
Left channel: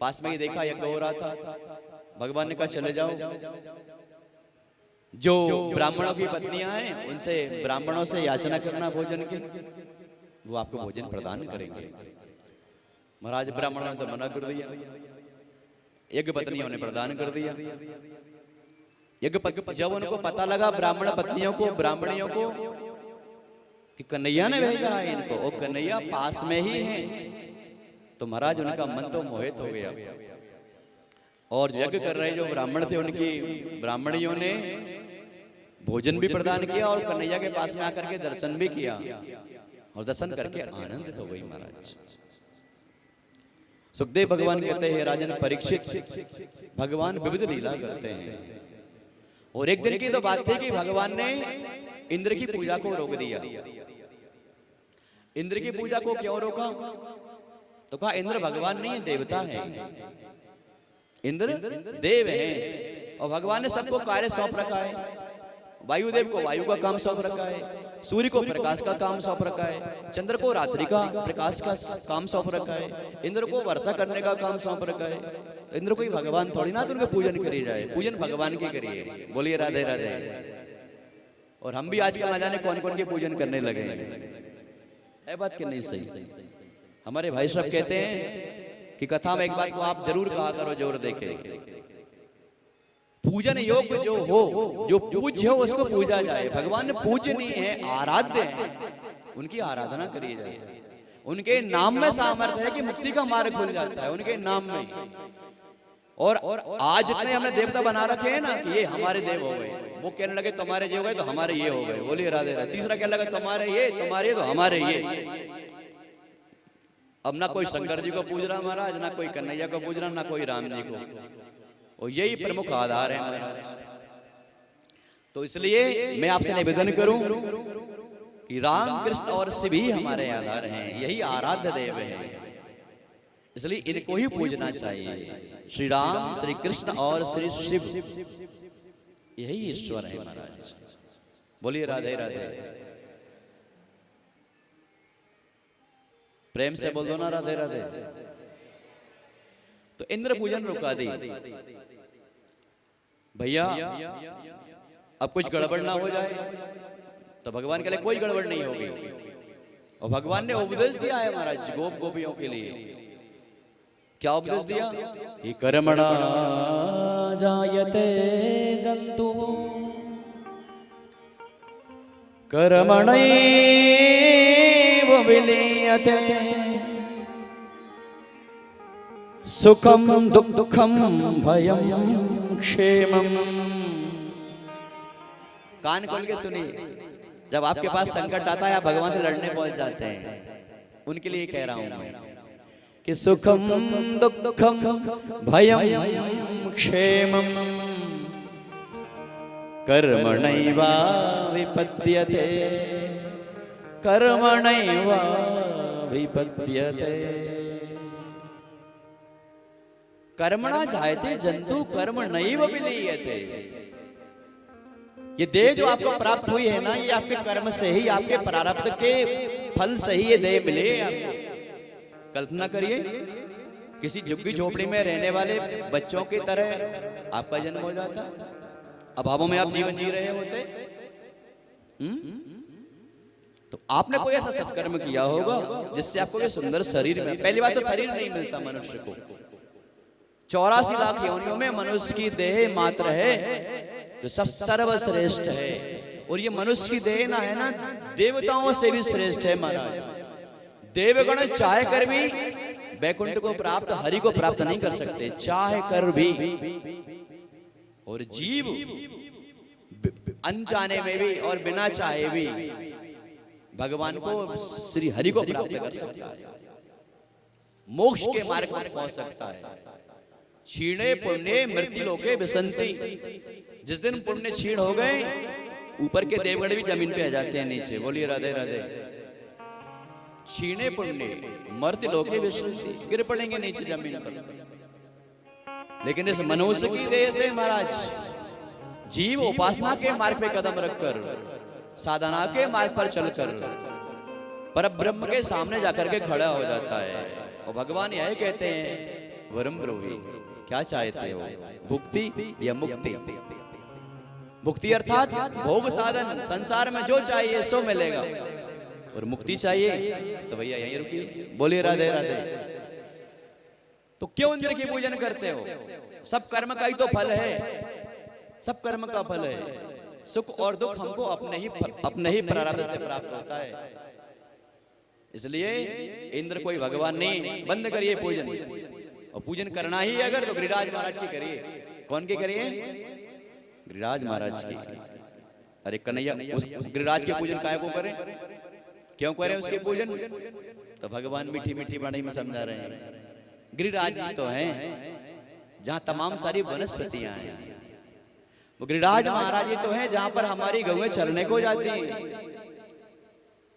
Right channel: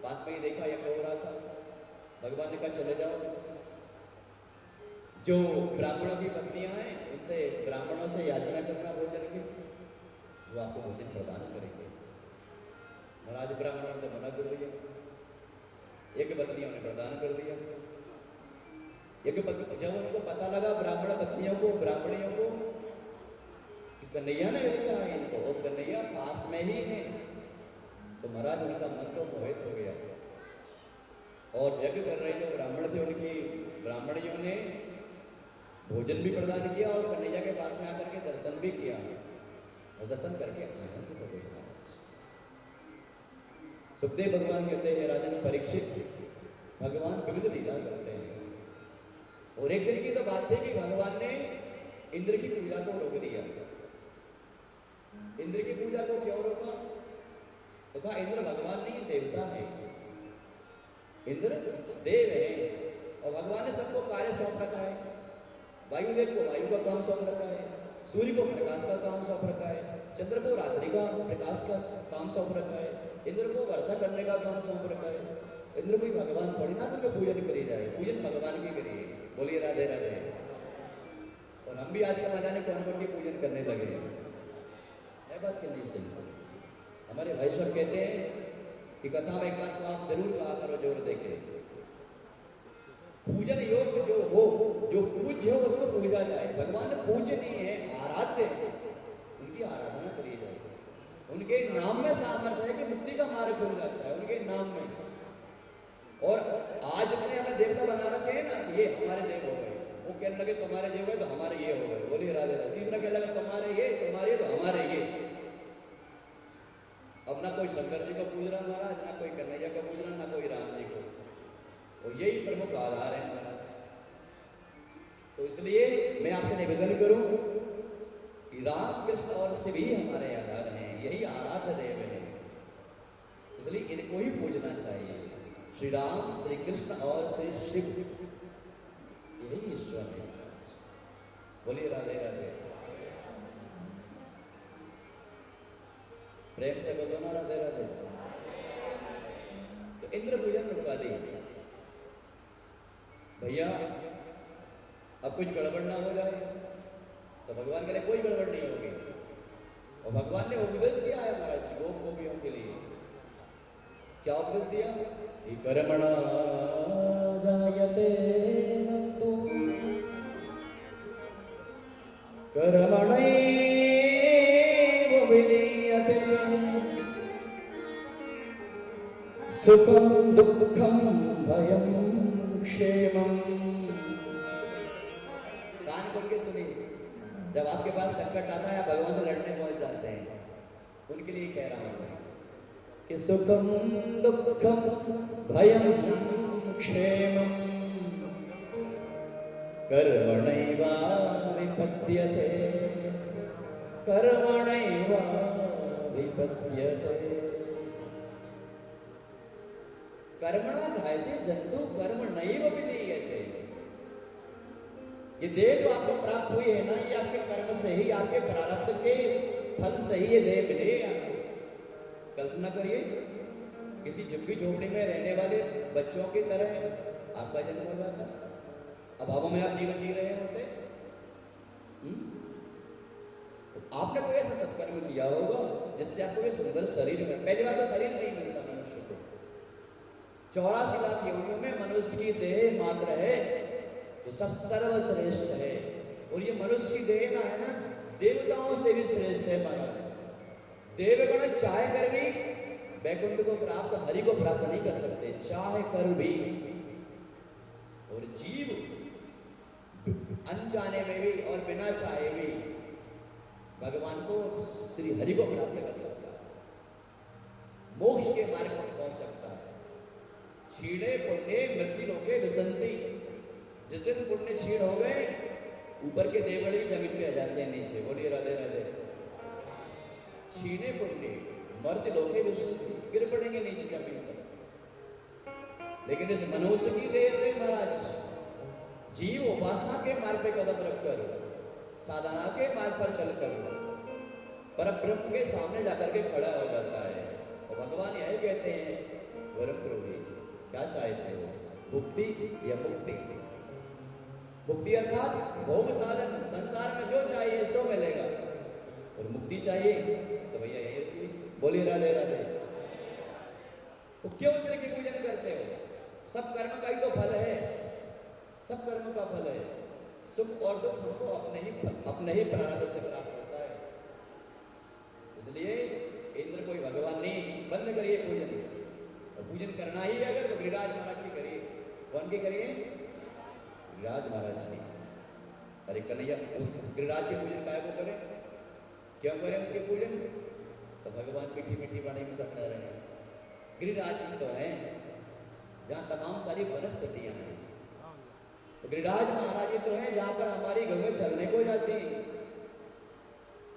पास में ही देखा यज्ञ हो रहा था। भगवान ने कहा चले जाओ, जो ब्राह्मणों की पत्नियां हैं उनसे ब्राह्मणों से याचना करना भोजन की, वो आपको भोजन प्रदान करेंगे। महाराज ब्राह्मणों ने तो मना कर दिया, यज्ञ पत्नियों ने प्रदान कर दिया। जब उनको पता लगा ब्राह्मण पत्नियों को, ब्राह्मणियों को, कि कन्हैया ने भेजा है इनको, वो कन्हैया पास में ही है, तो महाराज उनका मन तो मोहित हो गया। और यज्ञ कर रहे जो ब्राह्मण थे उनकी ब्राह्मणियों ने भोजन भी प्रदान किया और कन्हैया के पास में आकर के दर्शन भी किया, और दर्शन करके आनंदित हो गई महाराज। सुखदेव भगवान कहते हैं राजन परीक्षित, भगवान विविध लीला करते हैं। और एक दिन की तो बात थी कि भगवान ने इंद्र की पूजा को रोक दिया। इंद्र की पूजा को क्यों रोका? तो कहा इंद्र भगवान नहीं है, देवता है। इंद्र देव है और भगवान ने सबको कार्य सौंप रखा है। वायुदेव को वायु का काम सौंप रखा है, सूर्य को प्रकाश का काम सौंप रखा है, चंद्र को रात्रि का प्रकाश का काम सौंप रखा है, इंद्र को वर्षा करने का काम सौंप रखा है। तो इंद्र कोई भगवान थोड़ी ना, तो उनका पूजन करी जाए, पूजन भगवान की करिए। बोलिए राधे राधे। और हम भी आजकल ना जाने कौन कौन के पूजन करने लगे है बात कि नहीं सही? हमारे भाई साहब कहते हैं कि कथा में एक बात को आप जरूर कहा करो, जोर देके, पूजन योग्य जो हो, जो पूज्य हो उसको पूजा जाए। भगवान पूजनीय है, आराध्य है, उनकी आराधना करी जाए। उनके नाम में सामर्थ्य है कि मुक्ति का मार्ग खुल जाता है, उनके नाम में। और आज जितने हमने देवता बना रखे हैं ना कि ये हमारे देव हो गए, वो कहने लगे तुम्हारे ये हो गए तो हमारे ये हो गए। बोलिए राधे राधे। तीसरा कहने लगा तुम्हारे ये तो हमारे ये। अब ना कोई शंकर जी को पूज रहा महाराज, ना कोई कन्हैया को पूज रहा, ना कोई राम जी को, और यही प्रमुख आधार है महाराज। तो इसलिए मैं आपसे निवेदन करूं कि राम कृष्ण और शिव ही हमारे आधार हैं, यही आराध्य देव हैं, इसलिए इनको ही पूजना चाहिए। श्री राम, श्री कृष्ण और श्री शिव यही ईश्वर है महाराज। बोलिए राधे राधे। प्रेम से बोल दो ना राधे राधे। तो इंद्र पूजन रुका दी भैया, अब कुछ गड़बड़ ना हो जाए। तो भगवान के लिए कोई गड़बड़ नहीं होगी, और भगवान ने उपदेश दिया है महाराज गोपियों के लिए। क्या उपदेश दिया? कि कर्मणा जायते जंतु कर्मणैव विलीयते सुखम दुःखम भयम क्षेमम। कान खोल के सुनिए, जब आपके पास संकट आता है आप भगवान से लड़ने पहुंच जाते हैं, उनके लिए कह रहा हूं मैं कि सुखम दुःखम भयम क्षेमम कर्मणैव विपद्यते कर्मणैव विपद्यते। कर्मणा जायते जंतु कर्मणैव विलीयते। ये देह जो आपको प्राप्त हुई है ना, ये आपके कर्म से ही, आपके प्रारब्ध के फल से ही ये देह मिले है आपको। कल्पना करिए किसी झुग्गी झोपड़ी में रहने वाले बच्चों की तरह आपका जन्म हो जाता, अभावों में आप जीवन जी रहे होते। तो आपने कोई ऐसा सत्कर्म किया होगा जिससे आपको ये सुंदर शरीर में, पहली बात तो शरीर नहीं मिलता मनुष्य को, 84 लाख योनियों में मनुष्य की देह मात्र है जो सब सर्वश्रेष्ठ है। और ये मनुष्य की देह ना है ना, देवताओं से भी श्रेष्ठ है महाराज। देवगण चाह कर भी वैकुंठ को प्राप्त, हरि को प्राप्त नहीं कर सकते, चाह कर भी। और जीव अनजाने में भी और बिना चाहे भी भगवान को, श्री हरि को प्राप्त कर सकता है, मोक्ष के मार्ग पर पहुंच सकता है। क्षीणे पुण्य मृत्यु लोके विसंति। जिस दिन पुण्य क्षीण हो गए, ऊपर के देवगण भी जमीन पे आ जाते हैं नीचे। बोलिए राधे राधे। छीने पुण्य मर्त्य लोके विशंति, गिर पड़ेंगे नीचे जमीन पर। लेकिन इस मनुष्य की देह से महाराज जीव उपासना के मार्ग पे कदम रखकर, साधना के मार्ग पर चलकर पर ब्रह्म के सामने जाकर के खड़ा हो जाता है। और भगवान यही कहते हैं, वरम ब्रूहि, क्या चाहते हो, भुक्ति या मुक्ति? भुक्ति अर्थात भोग साधन, संसार में जो चाहिए सो मिलेगा। और मुक्ति चाहिए तो भैया यहीं रुकिए, बोलिए राधे राधे। तो क्यों इंद्र की पूजन करते हो? सब कर्म का ही तो फल है, सब कर्म का फल है। सुख और दुख हमको अपने ही प्रारब्ध से प्राप्त होता है। इसलिए इंद्र कोई भगवान नहीं। बंद करिए पूजन, और पूजन करना ही अगर तो गिरिराज महाराज की करिए। कौन की करिए? गिरिराज महाराज की। अरे कन्हैया, उस गिरिराज के पूजन काहे को करें, क्यों करें उसके पूजन? तो भगवान मीठी मीठी वाणी में समझा रहे हैं, गिरिराज जी तो हैं जहां तमाम सारी वनस्पतियां हैं। वो गिरिराज महाराज जी तो हैं जहां पर हमारी गौएं चरने को जाती हैं।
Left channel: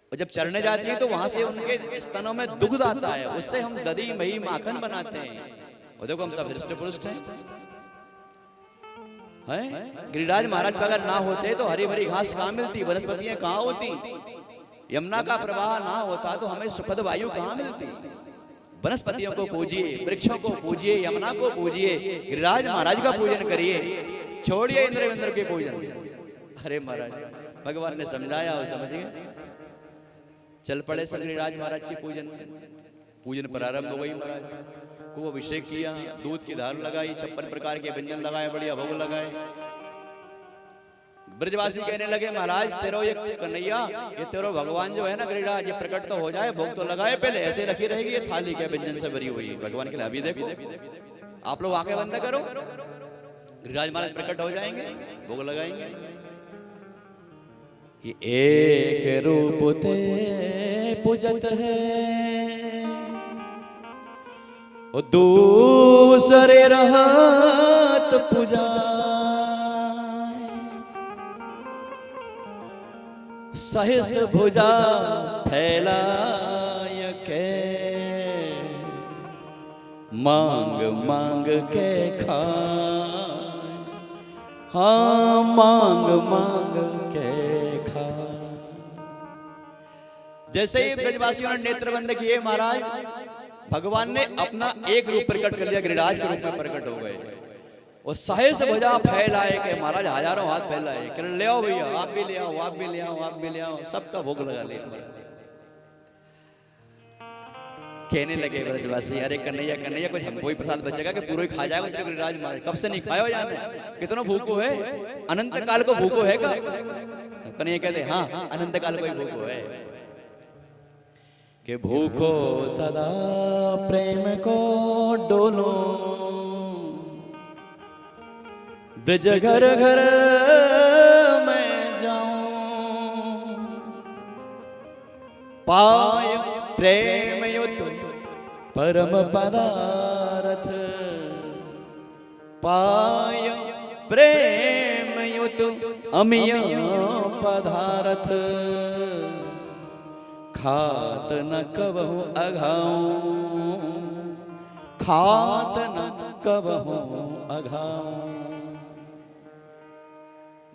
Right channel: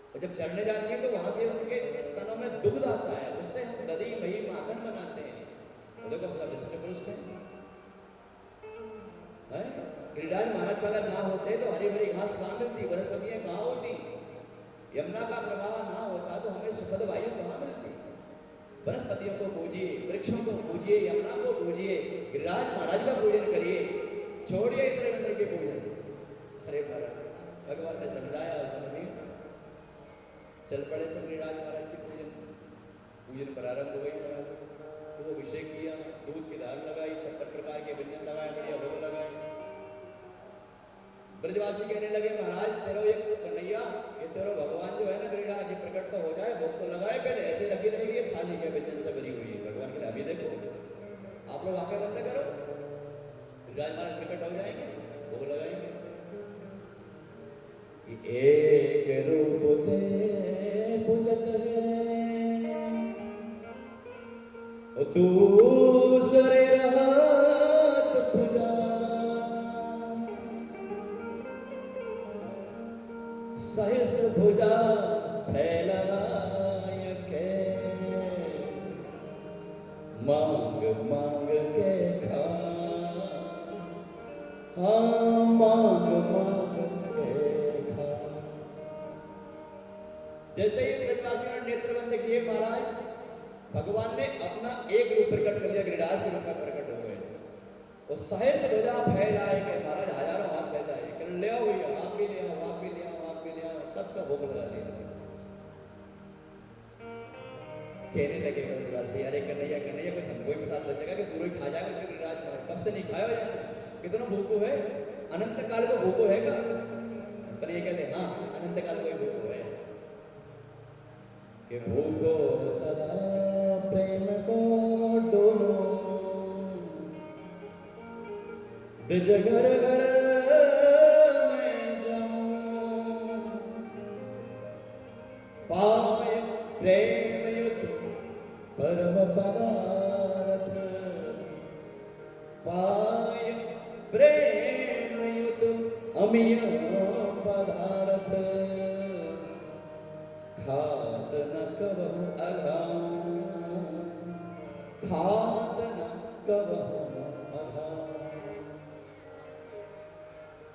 और जब चरने जाती है तो वहां से उनके स्तनों में दुग्ध आता है, उससे हम दही मही माखन बनाते हैं। और देखो हम सब हृष्ट पुष्ट हैं। गिरिराज महाराज का अगर ना होते तो हरी भरी घास कहाँ मिलती, वनस्पतियां कहाँ होती, यमुना का प्रवाह ना होता तो हमें सुखद वायु कहाँ मिलती। वनस्पतियों को पूजिए, वृक्षों को पूजिए, यमुना को पूजिए, गिरिराज महाराज का पूजन करिए, छोड़िए इंद्र विंद्र के पूजन। अरे महाराज भगवान ने समझाया और समझ गए, चल पड़े सब गिरिराज महाराज की पूजन। पूजन प्रारंभ हो गई। महाराज को अभिषेक किया, दूध की धार लगाई, 56 प्रकार के व्यंजन लगाए, बढ़िया भोग लगाए। ब्रजवासी कहने लगे, महाराज तेरो ये कन्हैया, ये तेरो भगवान जो है ना गिरिराज, ये प्रकट तो हो जाए, भोग तो लगाए पहले, ऐसे रखी रहेगी ये थाली क्या व्यंजन से भरी हुई। भगवान के लिए अभी देखो, आप लोग आंखें बंद करो, गिरिराज महाराज प्रकट हो जाएंगे, भोग लगाएंगे। कि एक रूप ते पूजत है, और दूसरे रहत पूजा, सहस भुजा फैलाय के, मांग मांग के खाए, हाँ मांग मांग के खाए। जैसे ही ब्रजवासियों ने नेत्र बंद किए, महाराज भगवान ने अपना एक रूप प्रकट कर लिया, गिरिराज के रूप में प्रकट हो गए। और सहस भुजा फैलाए के महाराज हजारों हाथ फैलाए, किरण ले आओ भैया, आप भी ले आओ, आप भी ले आओ, आप भी ले आओ, सबका भोग लगा लिया। कहने लगे ब्रजवासी, अरे कन्हैया कन्हैया, कुछ हमको ही प्रसाद बचेगा कि पूरा ही खा जाएगा तो गिरिराज महाराज? कब से नहीं खाया जाने, कितना भूखो है, अनंत काल को भूखो है का? कन्हैया कहते हाँ अनंत काल को ही भूखो है। कि भूखो सदा प्रेम को डोलो, ब्रज घर घर मैं जाऊं, पाय प्रेम युत परम पदारथ, पाय प्रेम युत अमिय पदारथ, खात न कबहु अघाऊं, खात न कबहु अघाऊं।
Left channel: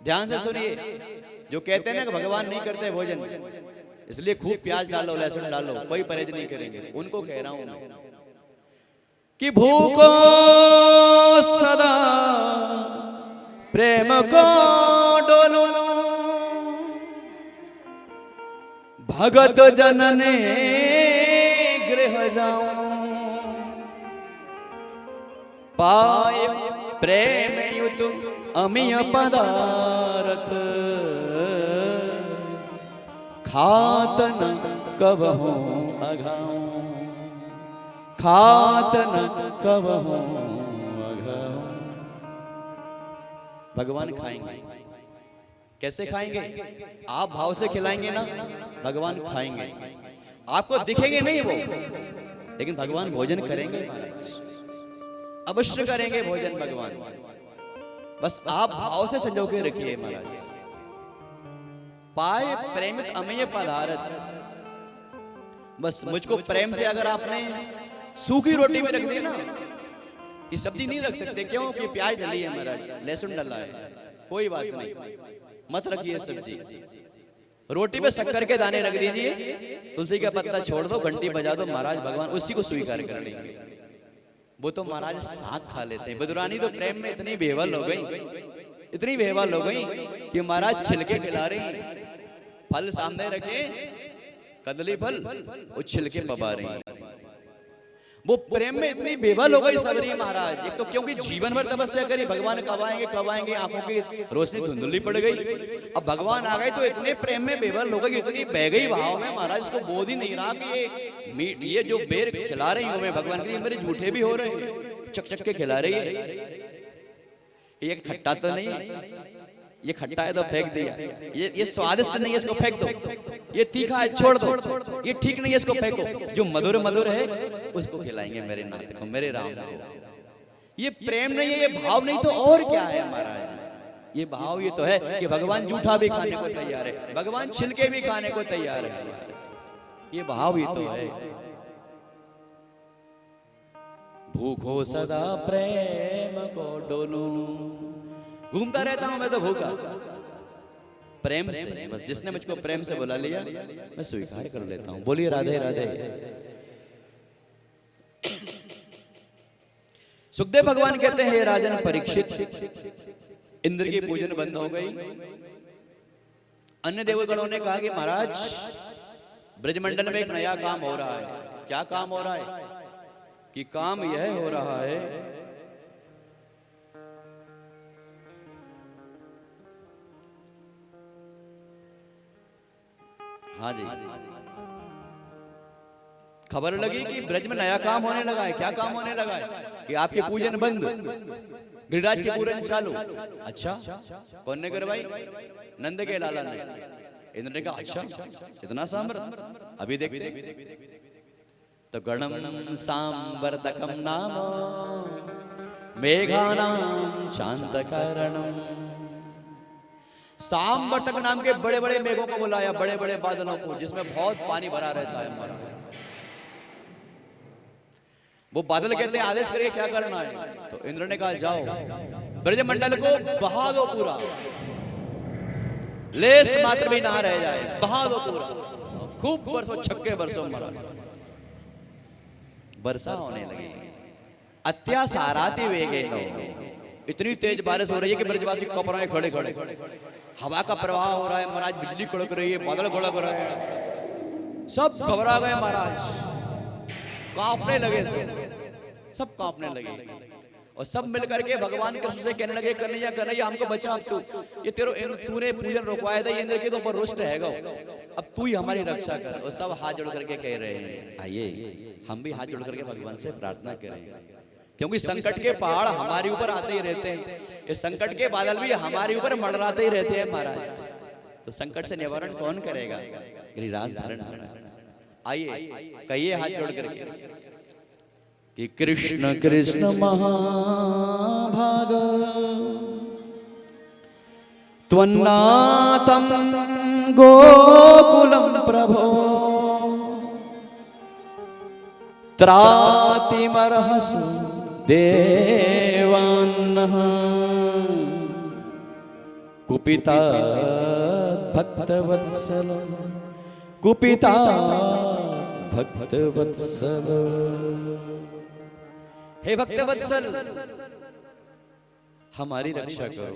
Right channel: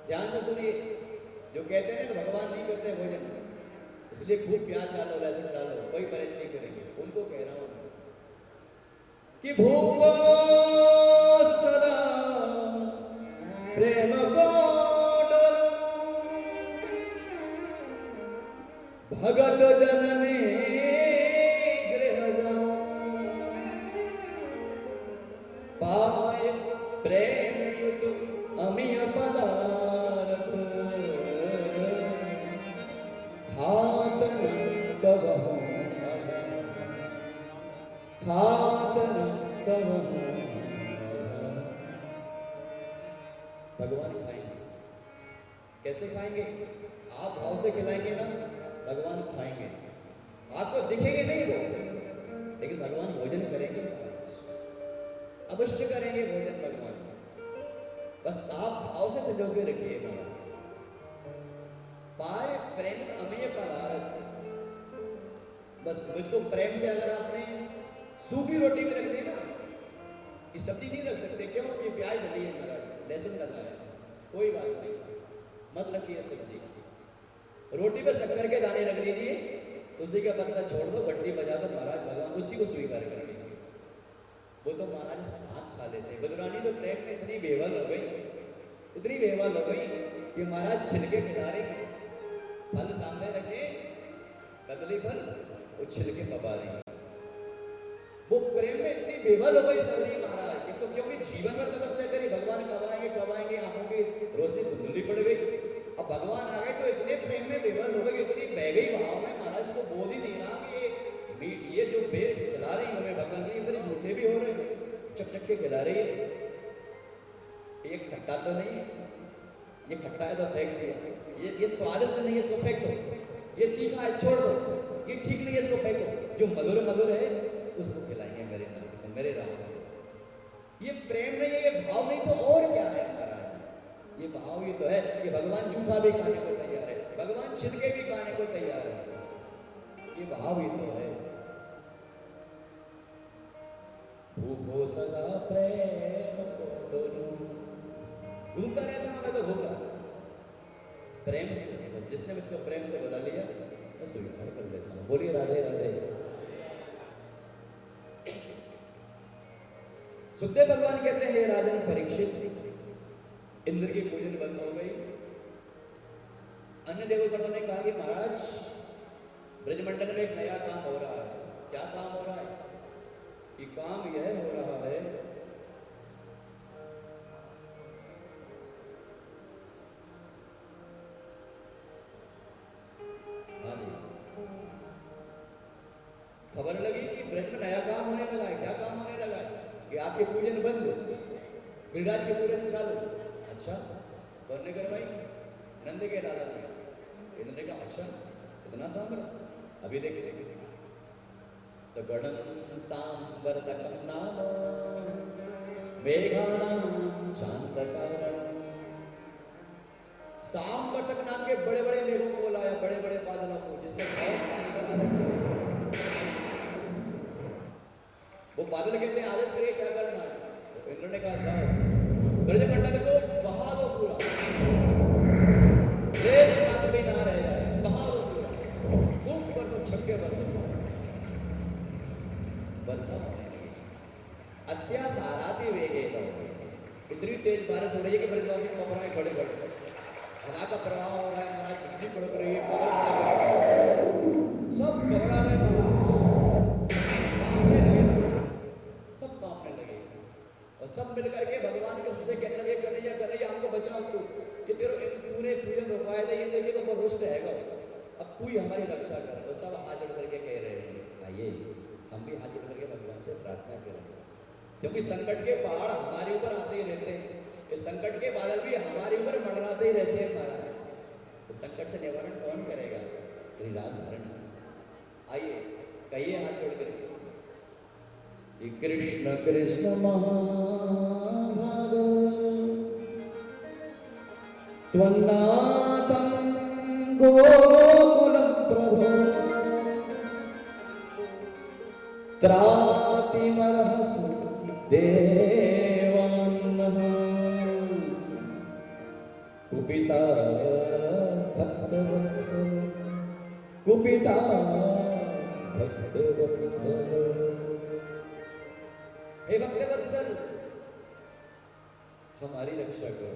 ध्यान से सुनिए, जो कहते हैं ना कि भगवान नहीं करते भोजन, इसलिए खूब प्याज डालो, लहसुन डालो, कोई परहेज नहीं करेंगे, उनको कह रहा हूं मैं कि भूखो सदा प्रेम को डोलो, भगत जनने गृह जाऊं, पाय प्रेम युत अमिय पदारथ, खात न कबहु अघाऊं, खात न कबहु अघाऊं। भगवान खाएंगे, कैसे खाएंगे? आप भाव से खिलाएंगे ना, भगवान खाएंगे। आपको दिखेंगे नहीं वो, लेकिन भगवान भोजन करेंगे महाराज, अवश्य करेंगे भोजन भगवान। बस आप भाव से संजोगे रखिए महाराज। पाय प्रेमित अमेय पदारथ, बस मुझको प्रेम से अगर आपने सूखी रोटी में रख दी ना, ये सब्जी नहीं रख सकते, क्यों कि प्याज डली है महाराज, लहसुन डला है, कोई बात नहीं, मत रखिए सब्जी। रोटी पे शक्कर के दाने रख दीजिए, तुलसी का पत्ता छोड़ दो, घंटी बजा दो, महाराज भगवान उसी को स्वीकार कर लेंगे। वो तो महाराज साग खा लेते हैं। बदुरानी तो प्रेम में इतनी बेवल हो गई, इतनी बेवल हो गई कि महाराज छिलके खिला रही, फल सामने रखे, कदली फल, वो छिलके पबा रही। वो प्रेम में इतनी बेवल हो गई सबरी महाराज। एक तो क्योंकि जीवन भर तपस्या करी, भगवान कब आएंगे, आंखों की रोशनी धुंधली पड़ गई। अब भगवान आ गए तो इतने प्रेम में बेवल हो गई, इतनी बह गई भाव में महाराज, इसको बोध ही नहीं रहा कि ये जो बेर खिला रही हूं मैं भगवान के लिए, मेरे झूठे भी हो रहे हैं, चक चक के खिला रही है। ये खट्टा तो नहीं, ये खट्टा है तो फेंक दिया, ये स्वादिष्ट नहीं है इसको फेंक दो, ये तीखा है छोड़ दो, ये ठीक नहीं है इसको फेंको, जो मधुर मधुर है उसको खिलाएंगे मेरे नाथ को, मेरे राम को। ये प्रेम नहीं है, ये भाव नहीं, तो और क्या है महाराज? ये भाव ये तो है कि भगवान जूठा भी खाने को तैयार है, भगवान छिलके भी खाने को तैयार है, ये भाव ही तो है। भूखो सदा प्रेम को डोलूं, घूमता रहता हूं मैं तो भूखा प्रेम से, बस जिसने मुझको प्रेम से बुला लिया मैं स्वीकार कर लेता हूं। बोलिए राधे राधे। सुखदेव भगवान कहते हैं, हे राजन परीक्षित, इंद्र की पूजन बंद हो गई। अन्य देवगणों ने कहा कि महाराज ब्रजमंडल में एक नया काम हो रहा है। क्या काम हो रहा है? कि काम यह हो रहा है हाँ जी, खबर लगी कि ब्रज में नया काम होने लगा है। क्या काम होने लगा है? कि आपके पूजन बंद, गिरिराज के पूजन चालू। अच्छा, कौन ने करवाई? नंद के लाला ने। इंद्र ने कहा अच्छा इतना सामर्थ, अभी देखते। तो गणम सांवर्तकम नाम मेघानां शांत कारणम, सांवर्तक नाम के बड़े बड़े मेघों को बुलाया, बड़े बड़े बादलों को जिसमें बहुत पानी भरा रहता है। वो बादल कहते हैं आदेश करिए क्या करना है। तो इंद्र ने कहा जाओ ब्रजमंडल को बहा दो पूरा, लेस मात्र भी ना रह जाए, बहा दो पूरा। खूब बरसों, छक्के बरसों मरा, वर्षा होने लगी। अत्यासाराति वेगे, इतनी तेज बारिश हो रही है कि ब्रजवासी कप रहे खड़े खड़े, हवा का प्रवाह हो रहा है महाराज, बिजली कड़क रही है, बादल कड़क रहा है, सब घबरा गए महाराज, कांपने लगे, सब कांपने लगे। और सब मिलकर के भगवान कृष्ण से कहने लगे, कन्हैया हमको बचा, ये तूने पूजन रुकवाया था, इंद्र के तो ऊपर रुष्ट रहेगा, अब तू ही हमारी रक्षा कर। और सब हाथ जोड़ करके कह रहे हैं, आइए हम भी हाथ जोड़ करके भगवान से प्रार्थना करें, क्योंकि संकट के पहाड़ हमारे ऊपर आते ही रहते हैं, ये संकट के बादल भी हमारे ऊपर मंडराते ही रहते हैं महाराज। तो संकट से निवारण कौन करेगा? गिरिराज धारण महाराज। आइए कहिए हाथ जोड़ करके कि कृष्ण कृष्ण महाभाग त्वन्नाथं गोकुलम प्रभो त्रातिमर्हसु देवान्नः कुपिता भक्तवत्सल, कुपिता भक्तवत्सल। हे भक्तवत्सल हमारी रक्षा करो।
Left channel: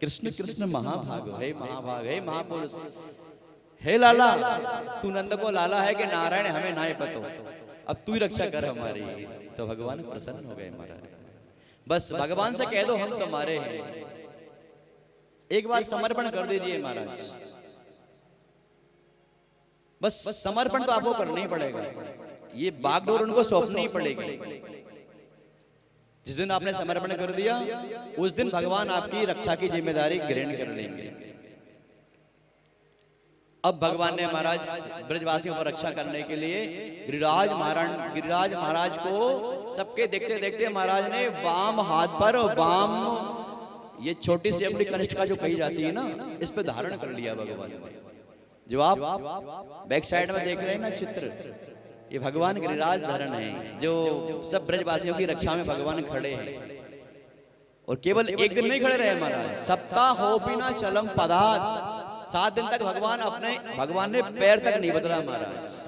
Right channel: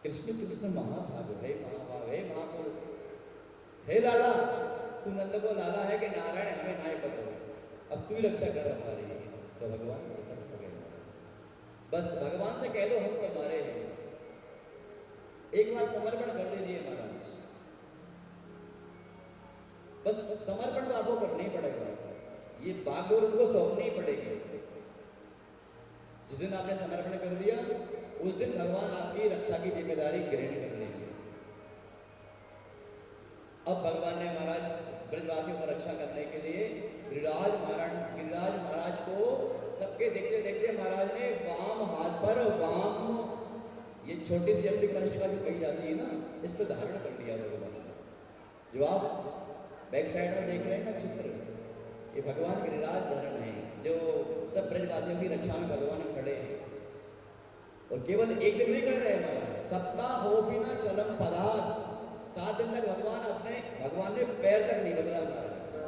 कृष्ण कृष्ण महाभाग, हे महाभाग, हे महापुरुष, हे लाला, तू नंद को लाला है कि नारायण हमें ना पतो, अब तू ही रक्षा कर हमारी। तो भगवान प्रसन्न हो गए महाराज। बस भगवान से कह दो हम तुम्हारे हैं, एक बार समर्पण कर दीजिए महाराज। बस समर्पण तो आपको करना ही पड़ेगा, ये बागडोर उनको सौंपनी ही पड़ेगी। जिस दिन आपने समर्पण कर दिया उस दिन भगवान आपकी रक्षा की जिम्मेदारी ग्रहण कर लेंगे। अब भगवान ने महाराज ब्रजवासियों को रक्षा करने के लिए गिरिराज महाराज को सबके देखते देखते महाराज ने वाम हाथ पर, वाम ये छोटी सी अपनी कनिष्ठ का जो कही जाती है ना, इस पे धारण कर लिया भगवान ने। जो आप बैक साइड में देख रहे हैं ना चित्र, ये भगवान गिरिराज धरण है, जो सब ब्रजवासियों की रक्षा में भगवान खड़े हैं। और केवल एक दिन नहीं खड़े रहे महाराज, सप्ताह हो बिना चलम पदात, 7 दिन तक भगवान ने पैर तक नहीं बदला महाराज।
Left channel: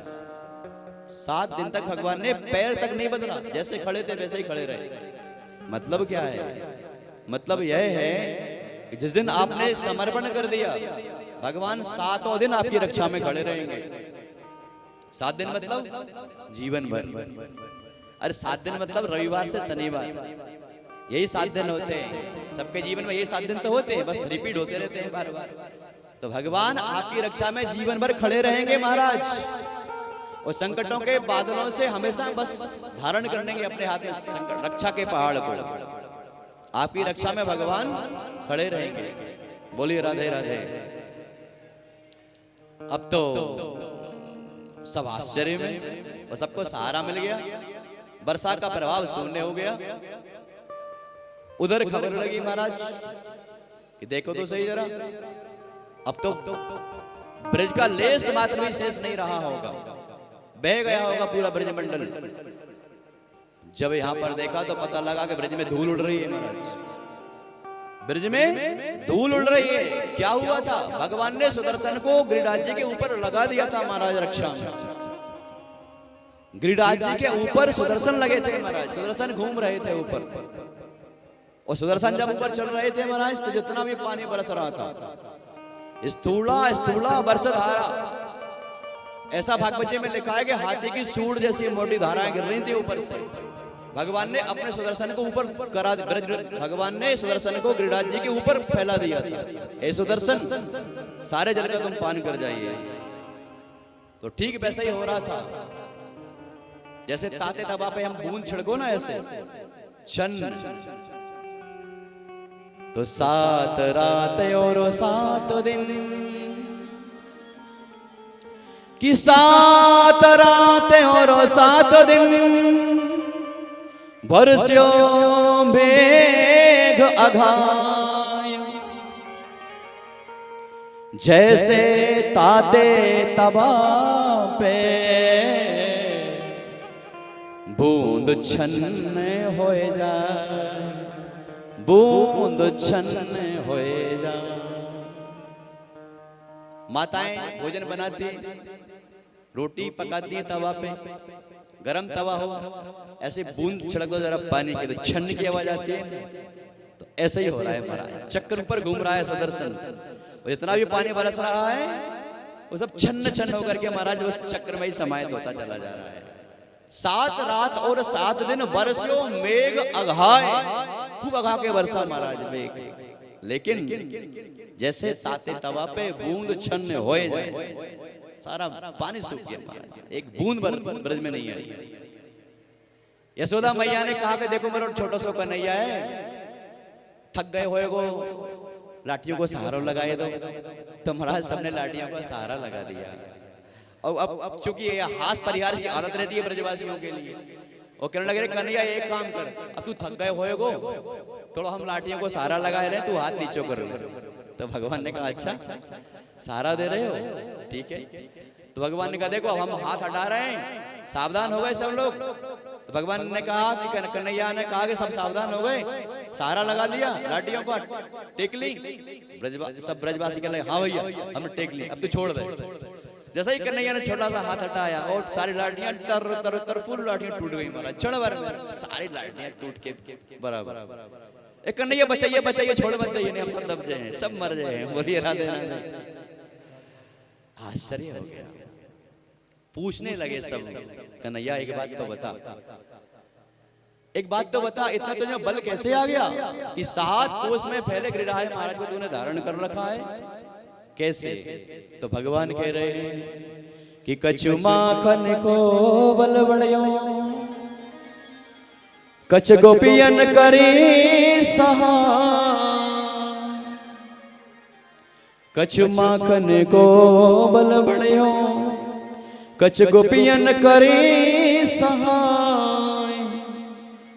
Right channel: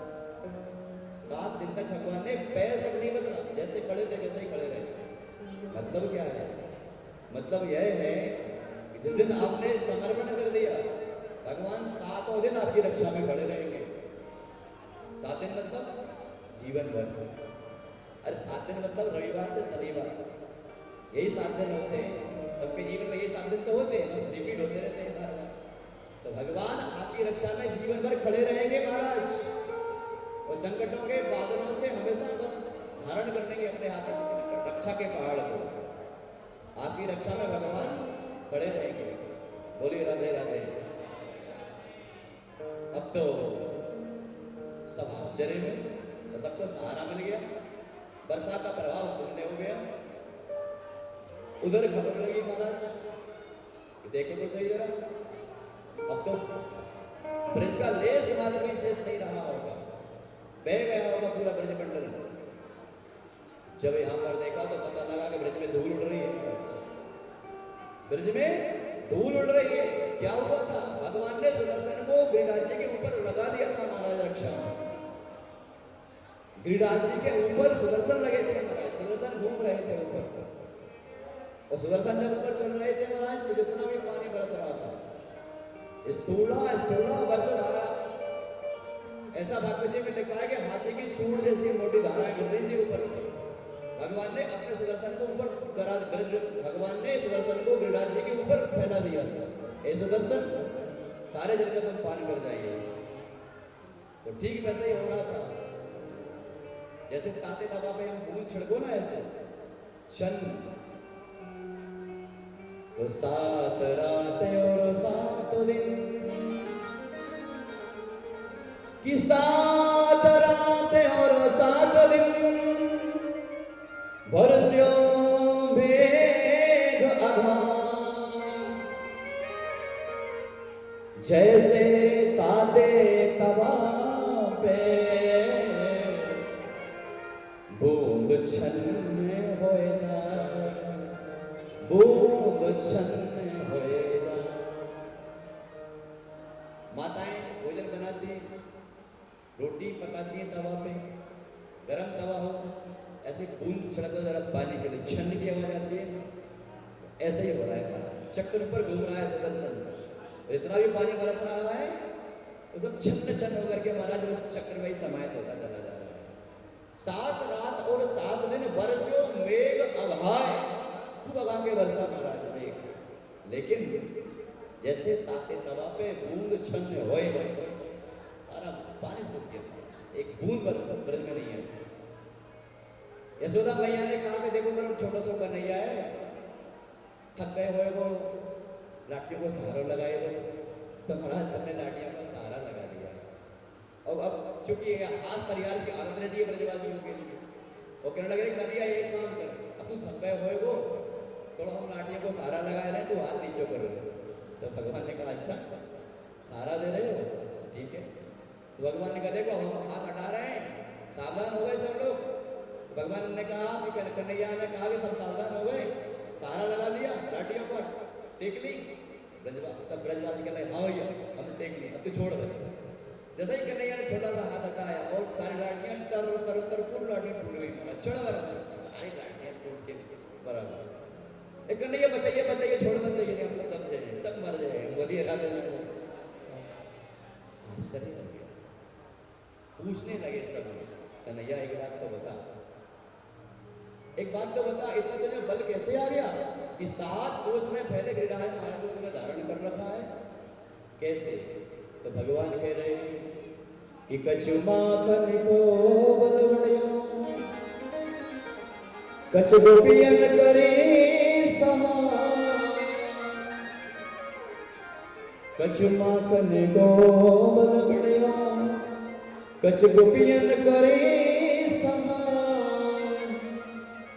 7 दिन तक भगवान ने पैर तक नहीं बदला, जैसे खड़े थे वैसे ही खड़े रहे। मतलब क्या है? मतलब यह है कि जिस दिन आपने समर्पण कर दिया, भगवान 7वां दिन आपकी रक्षा में खड़े रहेंगे। 7 दिन मतलब जीवन भर। अरे 7 दिन मतलब रविवार से शनिवार, यही 7 दिन होते हैं सबके जीवन में। यही 7 दिन तो होते हैं, बस रिपीट होते रहते हैं बार बार। तो भगवान आपकी रक्षा में जीवन भर खड़े रहेंगे महाराज, और संकटों के बादलों से हमेशा बस धारण करेंगे अपने हाथ में संकट, रक्षा के पहाड़ को। आपकी रक्षा में भगवान खड़े रहेंगे। बोलिए राधे राधे। अब तो सब आश्चर्य में, और सबको सहारा मिल गया, वर्षा का प्रभाव शून्य हो गया। उधर खबर लगी महाराज, ये देखो तो सही जरा, अब तो ब्रज का लेस मात्र भी शेष नहीं रहा होगा, बह गया होगा पूरा ब्रजमंडल। जब यहां पर देखा तो पता लगा कि ब्रज में धूल उड़ रही है महाराज, ब्रज में धूल उड़ रही है। क्या हुआ था? भगवान ने सुदर्शन को गिरिराज जी के ऊपर लगा दिया था महाराज रक्षा में। गिरिराज जी के ऊपर सुदर्शन लगे थे महाराज, सुदर्शन घूम रहे थे ऊपर, और सुदर्शन जब ऊपर चल रहे थे महाराज तो जितना भी पानी बरस रहा था, स्थूला स्थूला वर्षधारा, ऐसा भागवत जी में लिखा है कि हाथी की सूंड जैसी मोटी धाराएं गिर रही थी ऊपर से। भगवान ने अपने सुदर्शन को ऊपर करा दिया, भगवान ने सुदर्शन को गिरिराज जी के ऊपर फैला दिया था। ए सुदर्शन, सारे जल का तुम पान कर जाइए। तो ठीक वैसा ही हो रहा था, जैसे ताते तवा पे हम बूंद छिड़को ना, ऐसे शन। तो 7 रात और 7 दिन कि 7 रात और 7 दिन बरस्यो मेघ अघाय, जैसे ताते तवा पे बूंद छन्ने होए जाए, बूंद छन्ने होए जाए। माताएं भोजन बनाती, रोटी पकाती है तवा पे, गरम तवा हो, ऐसे बूंद छिड़क दो जरा पानी की तो छन्न की आवाज आती है। तो ऐसे ही हो रहा है महाराज, चक्कर ऊपर घूम रहा है सुदर्शन, जितना भी पानी बरस रहा है वो सब छन्न छन्न होकर के महाराज बस चक्र में ही समाहित होता चला जा रहा है। 7 रात और 7 दिन बरस्यो मेघ अघाय, खूब अघा के वर्षा महाराज मेघ, लेकिन जैसे ताते तवा पे बूंद छन्न होए जाए, सारा पानी सूख गया, एक बूंद ब्रज में नहीं आई। यशोदा मैया ने कहा कि देखो मेरा छोटा सा कन्हैया है, थक गए होए गो, लाठियों को सहारा लगाए दो। तो महाराज सबने लाठियों का सहारा लगा दिया। और अब चूंकि ये हास परिहार की आदत रहती है ब्रजवासियों के लिए, और कहने लगे कन्हैया एक काम कर, अब तू थक गए होए गो, थोड़ा हम लाठियों को सहारा लगाए रहे, तू हाथ नीचे कर। तो भगवान ने कहा अच्छा सहारा दे रहे हो, ठीक है। तो भगवान ने कहा देखो अब हम हाथ हटा रहे हैं, सावधान हो गए सब लोग। तो भगवान ने कहा कि कन्हैया ने कहा कि सब सावधान हो गए, सहारा लगा लिया, लाठियों का टेक ली। सब ब्रजवासी कह हाँ भैया हमने टेक ली, अब तू छोड़ दे। जैसे ही कन्हैया ने छोटा सा हाथ हटाया और सारी लाठियां तर तर तर पूरी लाठियां टूट गई महाराज, क्षण भर में सारी लाठियां टूट के बराबर। एक कन्हैया बचाइए बचाइए, छोड़ मत दीजिए, हम सब दब जाए, सब मर जाए। बोलिए राधे राधे। आश्चर्य हो गया, पूछने लगे सब, कन्हैया एक बात तो बता, एक बात तो बता, इतना तुझे बल कैसे आ गया कि 7 कोस में फैले गिरिराज महाराज को तूने धारण कर रखा है, कैसे? तो भगवान कह रहे हैं कि कछु माखन को बल बढ़ियो, कछ गोपियन करी सहा, कछु माखन को बल बढ़ियो, कछ गोपियन करी सहाय,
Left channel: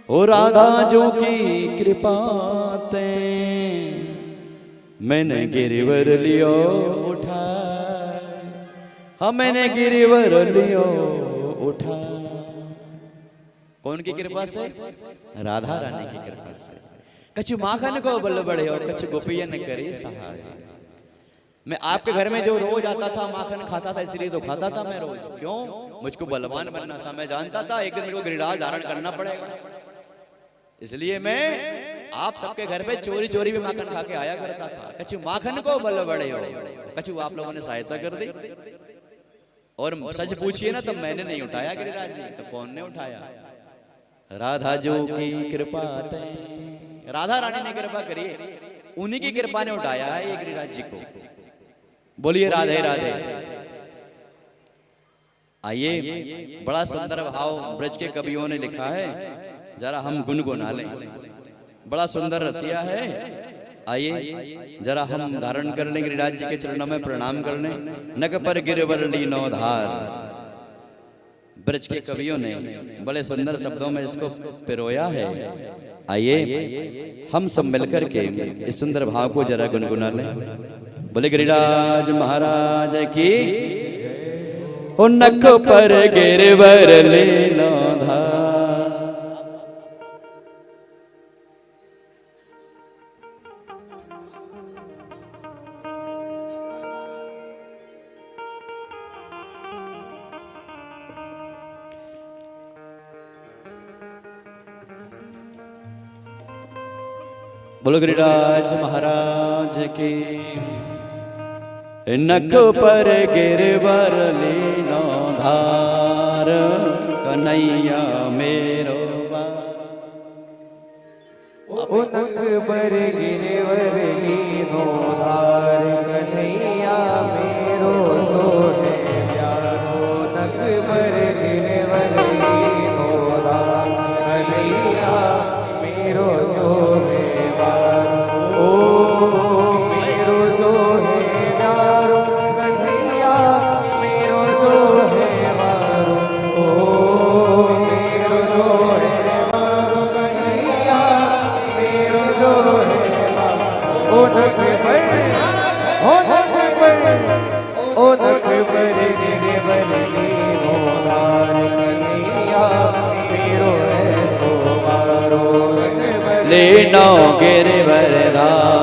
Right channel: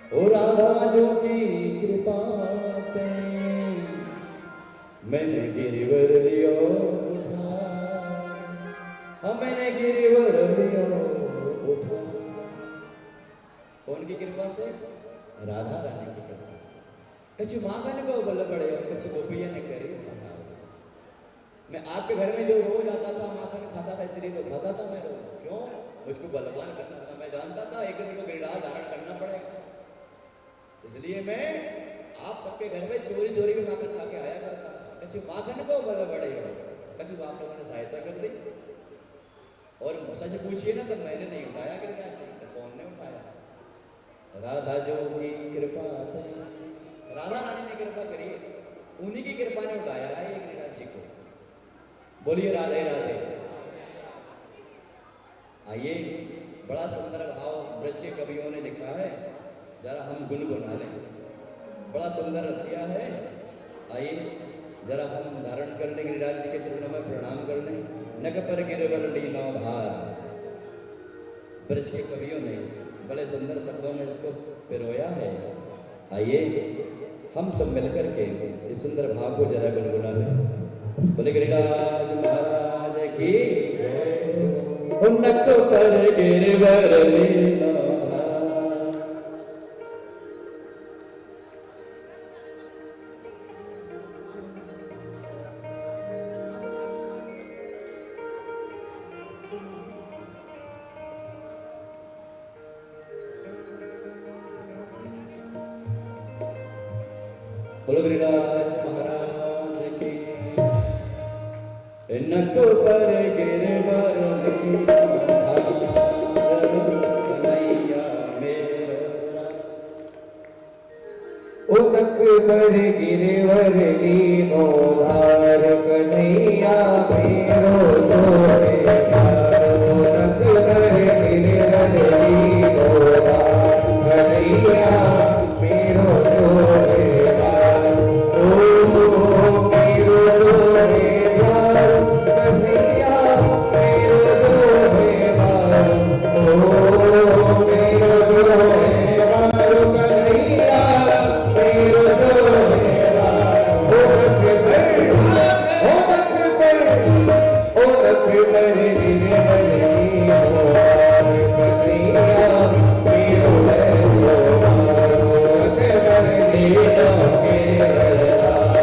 ओ राधा जो की कृपा ते मैंने गिरवर लियो उठा। हमने गिरिवर लियो उठा। कौन की कृपा से? राधा रानी की कृपा से। कछु माखन को बल बड़े और कछु गोपियन करे सहाय। मैं आपके घर में जो रोज आता था माखन खाता था, इसलिए तो खाता था मैं रोज। क्यों? मुझको बलवान बनना था। मैं जानता था एक दिन को गिरिराज धारण करना पड़ेगा, इसलिए मैं आप सबके घर में चोरी चोरी भी माखन खा के आया करता था। कछु माखन को बल बड़े हो, कछु आप लोगों ने सहायता कर दी। और सच पूछिए ना तो मैंने नहीं उठाया गिरिराज जी, तो कौन ने उठाया? राधा जो की कृपा तय, राधा रानी ने कृपा करी, उन्हीं की कृपा ने उठाया है ये गिरिराज जी को। बोलिए राधे राधे। आइए, बड़ा सुंदर भाव ब्रज के कवियों ने लिखा है, जरा हम गुनगुना लें। बड़ा सुंदर रसिया है। आइए जरा हम धारण कर लें, गिरिराज जी के चरणों में प्रणाम कर लें। नक पर गिरवर लीनो धार, ब्रज के कवियों ने बड़े सुंदर शब्दों में इसको पिरोया है। आइए हम सब मिलकर के इस सुंदर भाव को जरा गुनगुना लें। बोले गिरिराज महाराज की। ओ नक पर गिरवर लीनो धार, बोलो गिरिराज महाराज की। नक पर गिरवर लीनो धार, कन्हैया मेरो लीनो गिरवर धार,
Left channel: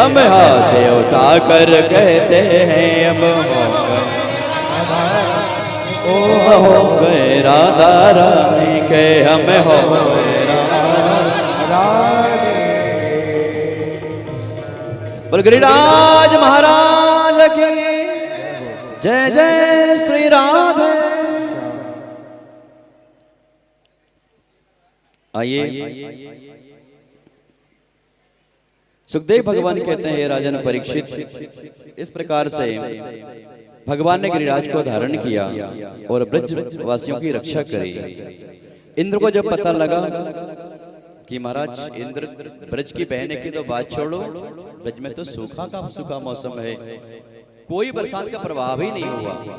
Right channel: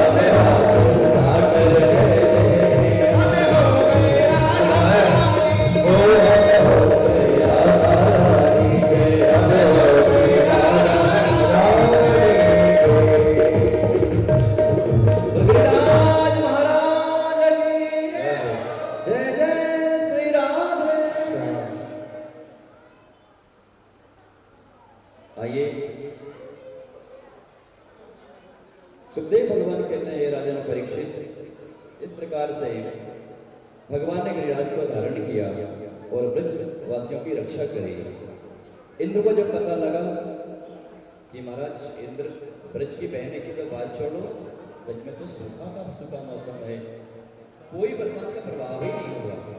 हम हाथ उठाकर कहते हैं अब हो गए राधा रानी के, हम हो गए बोल गिरिराज महाराज की जय जय श्री राधे। आइए सुखदेव भगवान कहते हैं राजन परीक्षित, इस प्रकार से भगवान ने गिरिराज को धारण किया और ब्रज वासियों की रक्षा करी। इंद्र को जब पता लगा कि महाराज इंद्र ब्रज की बहने की तो बात छोड़ो, ब्रज में तो सूखा मौसम है, कोई बरसात का प्रभाव ही नहीं हुआ।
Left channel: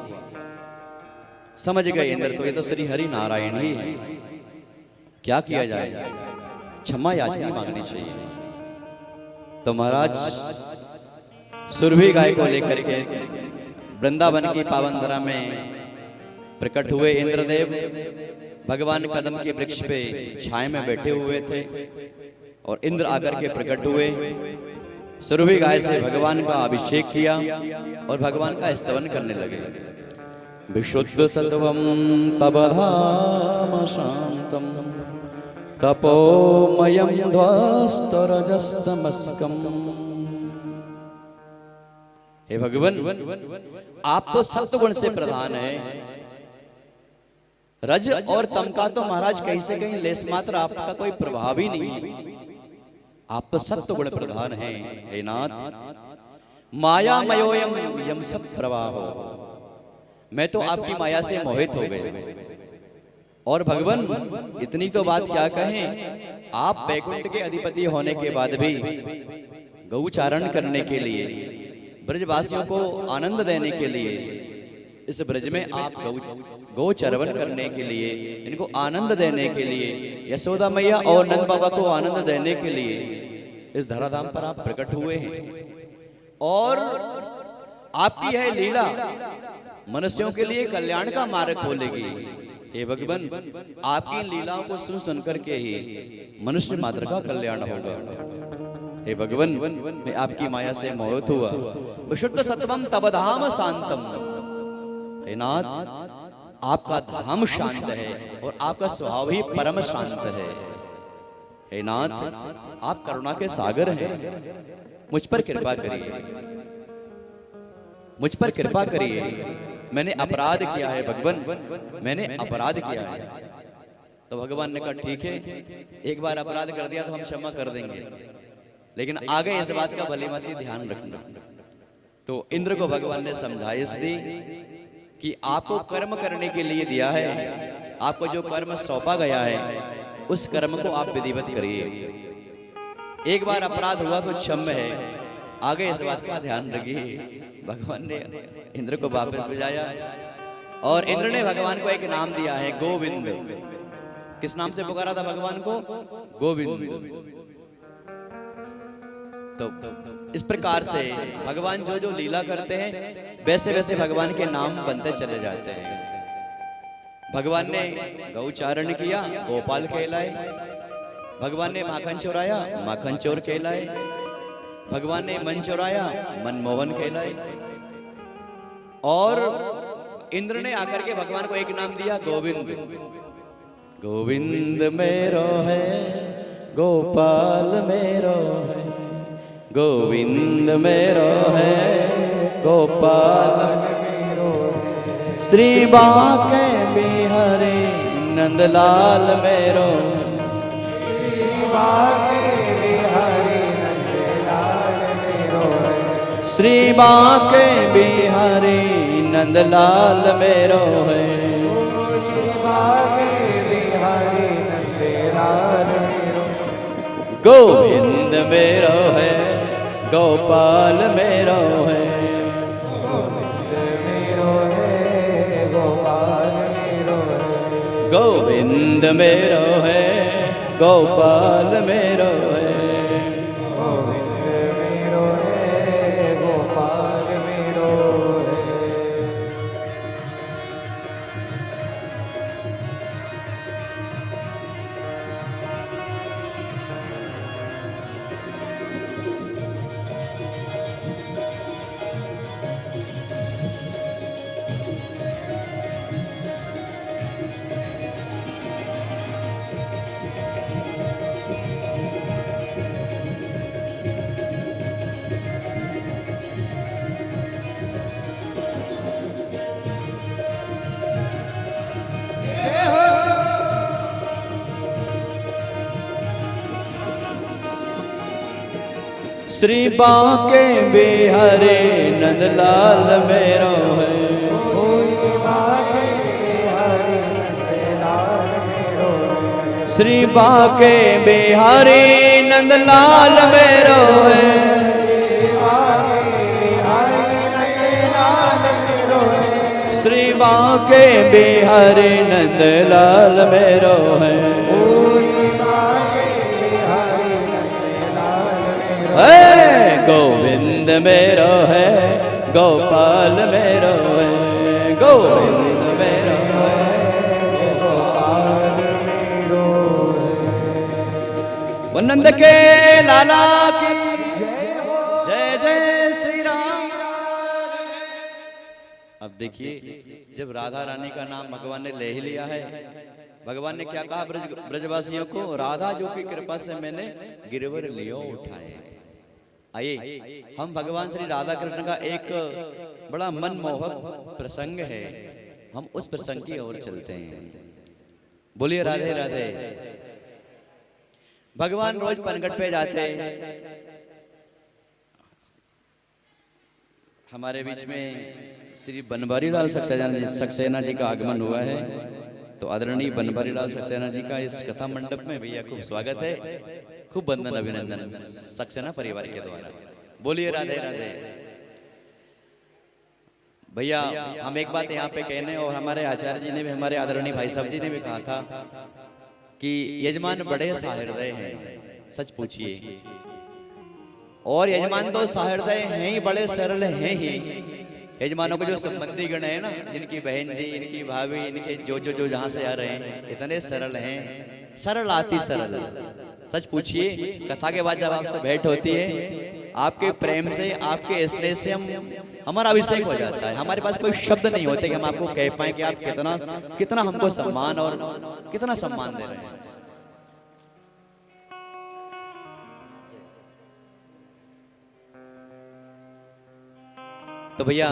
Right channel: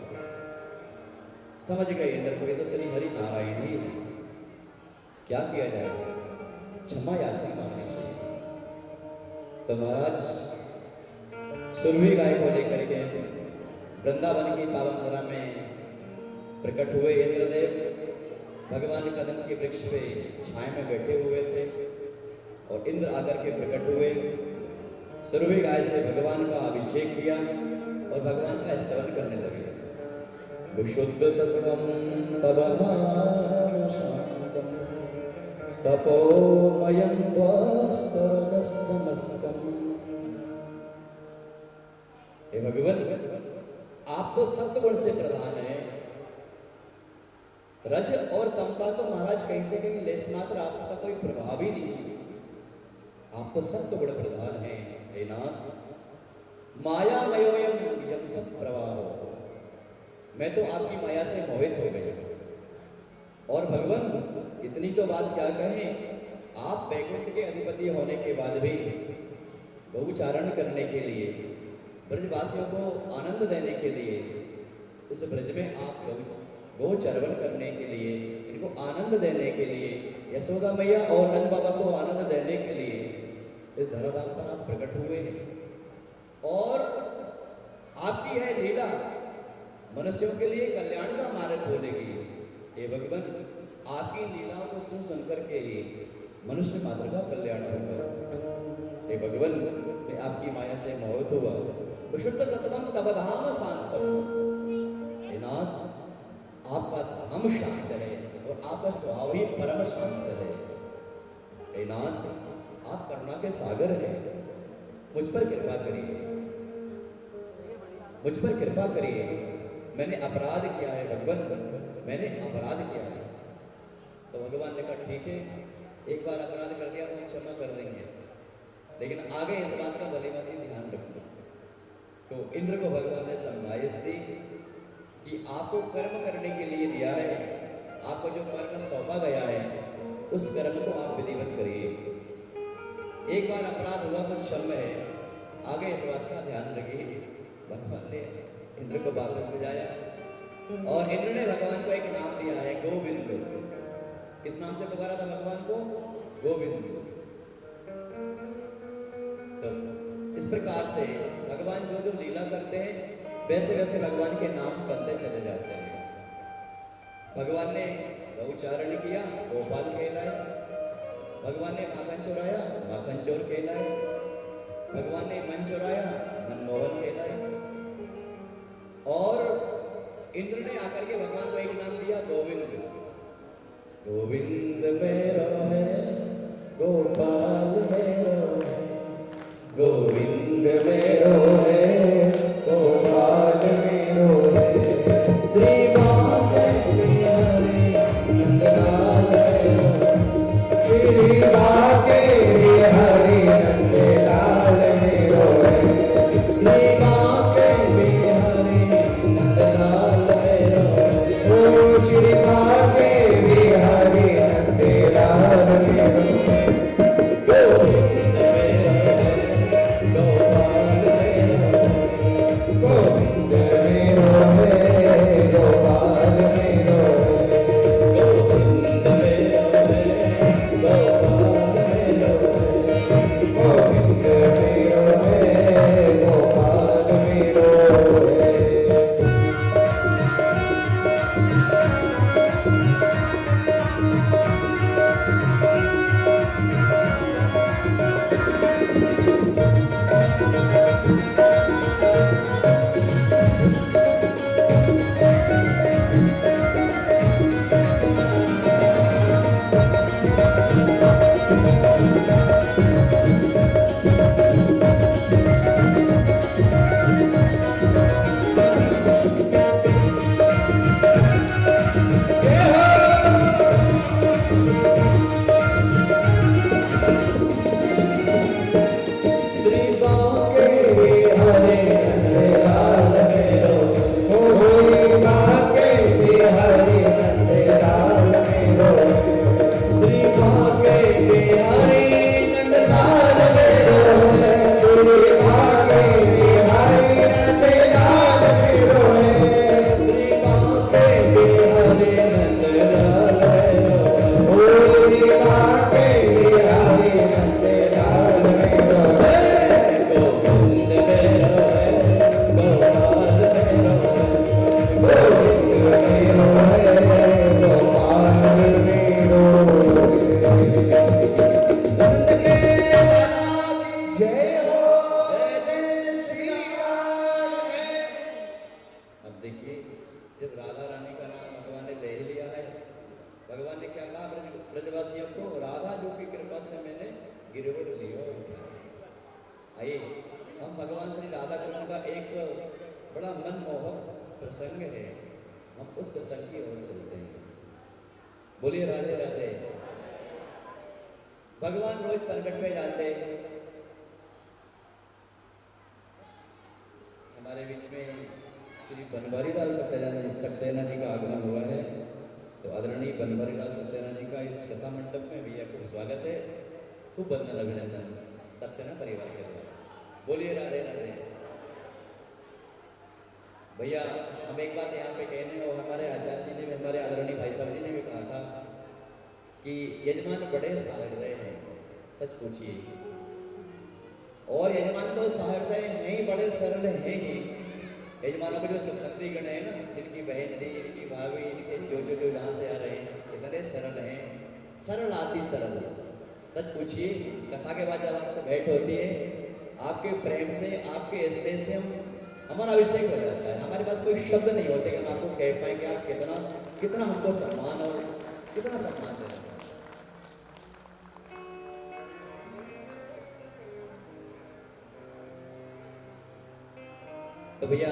समझ गए इंद्र तो ये तो श्री हरि नारायण ही है, क्या किया जाए, क्षमा याचना मांगनी चाहिए। तो महाराज सुरभि गाय को लेकर के वृंदावन की पावन धरा में प्रकट हुए। इंद्रदेव भगवान कदम के वृक्ष पे छाए में बैठे हुए थे और इंद्र आकर के प्रकट हुए। सुरभि गाय से भगवान का अभिषेक किया और भगवान का स्तवन करने लगे। विशुद्ध सत्वम तव धाम शांतम तपोमयं ध्वस्तरजस्तमस्कम्। हे भगवान, आप तो सत्वगुण से प्रधान हैं, रज और तम का तो महाराज कहीं से कहीं लेस मात्र आपका कोई प्रभाव ही नहीं है। आप तो सत्वगुण प्रधान हैं। हे नाथ, मायामयोयम यम सब प्रवाहो, मैं तो आपकी माया से मोहित हो गया। और भगवान इतनी तो बात क्या कहें, आप बैकुंठ के अधिपति होने के बाद भी गौचारण करने के लिए, ब्रजवासियों को आनंद देने के लिए, इस ब्रज में आप गौचरवन करने के लिए, इनको आनंद देने के लिए, यशोदा मैया और नंद बाबा को आनंद देने के लिए इस धराधाम पर आप प्रकट हुए हैं। और आपकी है लीला मनुष्यों के लिए कल्याण का मार्ग खोलेगी। हे भगवान, आपकी लीलाओं को सुन सुन करके ही मनुष्य मात्र का कल्याण होगा। हे भगवान, मैं आपकी माया से मोहित हुआ। विशुद्ध सत्वम तव धाम शांतम। हे नाथ, आपका धाम शांत है और आपका स्वभाव ही परम शांत है। हे नाथ, आप करुणा के सागर हैं, मुझ पर कृपा करिए, मुझ पर कृपा करिए। मैंने अपराध किया है भगवान, मैंने अपराध किया है। तो भगवान ने कहा ठीक है, एक बार अपराध कर दिया तो हम क्षमा कर देंगे, लेकिन आगे इस बात का भली भांति ध्यान रखना। तो इंद्र को भगवान ने समझाइश दी कि आपको कर्म करने के लिए दिया है, आपको जो कर्म सौंपा गया है उस कर्म को आप विधिवत करिए। एक बार अपराध हुआ तो क्षम्य है, आगे इस बात का ध्यान रखिए। भगवान ने इंद्र को वापस भेजाया और इंद्र ने भगवान को एक नाम दिया है, गोविंद। किस नाम से पुकारा था भगवान को? गोविंद। तो इस प्रकार से भगवान जो जो लीला करते हैं वैसे वैसे भगवान के नाम बनते चले जाते हैं। भगवान ने गौचारण किया, गोपाल कहलाए। भगवान ने माखन चुराया, माखन चोर कहलाए। भगवान ने मन चुराया, मनमोहन कहलाए। और इंद्र ने आकर के भगवान को एक नाम दिया, गोविंद। गोविंद मेरो है, गोपाल मेरो है, गोविंद मेरो है, गोपाल मेरो, श्री बांके बिहारी नंदलाल मेरो, श्री बांके बिहारी नंदलाल मेरो है। गोविंद मेरो है, गोपाल मेरो है, गोविंद मेरो है, गोपाल मेरो है। श्री बांके बिहारी नंदलाल मेरो है। श्री बांके बिहारी नंदलाल मेरो है। श्री बांके बिहारी नंदलाल मेरो है। गोविंद मेरो है, गोपाल मेरो है, गोविंद मेरो है, गोपाल। नंद के लाला की जय जय श्री राम। अब देखिए, जब राधा रानी का नाम भगवान ने ले ही लिया है, भगवान ने क्या कहा ब्रजवासियों को, राधा जो की कृपा से मैंने गिरवर लियो उठाए। आइए हम भगवान श्री राधा कृष्ण का एक बड़ा मनमोहक प्रसंग है, हम उस प्रसंग की ओर चलते हैं। बोलिए राधे राधे। भगवान रोज पनघट पे जाते, हमारे बीच में श्री बनवारी लाल सक्सेना जी का आगमन हुआ है, तो आदरणीय बनवारी लाल सक्सेना जी का इस कथा मंडप में भैया खूब स्वागत है, खूब वंदन अभिनंदन सक्सेना परिवार के द्वारा। बोलिए राधे राधे। भैया हम एक बात यहाँ पे कहने, और हमारे आचार्य जी ने भी, हमारे आदरणीय भाई साहब जी ने भी कहा था कि यजमान बड़े सहृदय हैं, सच पूछिए। और यजमान तो सहृदय हैं ही, बड़े सरल हैं ही। यजमानों के जो संबंधी गण है ना, जिनकी बहन जी, इनकी भाभी, इनके जो जहाँ से आ रहे हैं, इतने सरल हैं, सरल आती सरल। सच पूछिए, कथा के बाद जब आपसे भेंट होती है, आपके प्रेम से, आपके स्नेह से हमारा अभिषेक हो जाता है। हमारे पास कोई शब्द नहीं होते कि हम आपको कह पाए कि आप कितना हमको सम्मान और कितना सम्मान दे रहे हैं। तो भैया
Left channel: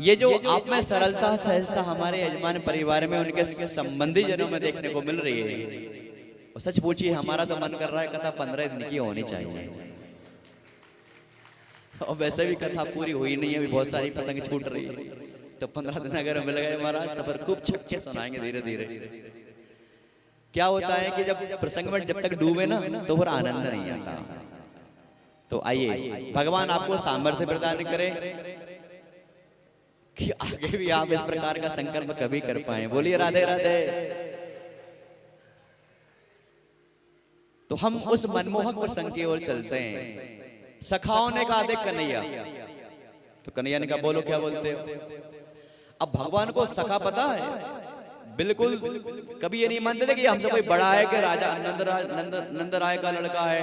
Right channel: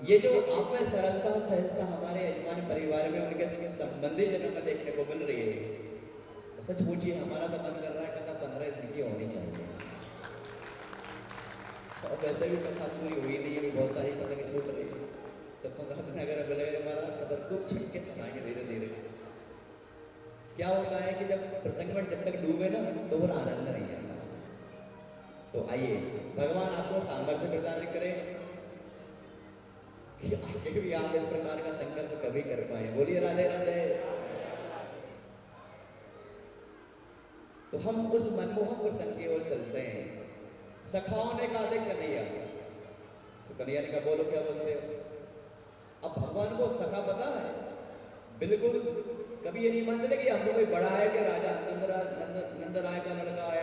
ये जो आप में सरलता सहजता हमारे यजमान परिवार में, उनके संबंधी जनों में देखने को मिल रही है, और सच पूछिए हमारा तो मन कर रहा है कथा 15 दिन की होनी चाहिए। और वैसे भी कथा पूरी हुई नहीं है, अभी बहुत सारी पतंग छूट रही है, तो 15 दिन अगर मिल गए महाराज तो फिर खूब छक्के सुनाएंगे धीरे धीरे। क्या होता है कि जब प्रसंग में जब तक डूबे ना, तो फिर आनंद नहीं आता। तो आइए भगवान आपको सामर्थ्य प्रदान करे कि आगे भी आप इस प्रकार का संकल्प कभी कर पाए। बोलिए राधे राधे। तो हम उस मनमोहक प्रसंग की ओर चलते हैं। सखाओं ने कहा देख कन्हैया, तो कन्हैया ने कहा बोलो क्या बोलते हो। अब भगवान को सखा पता है बिल्कुल, कभी ये नहीं मानते थे कि हमसे कोई बड़ा है, कि राजा नंद राय का लड़का है,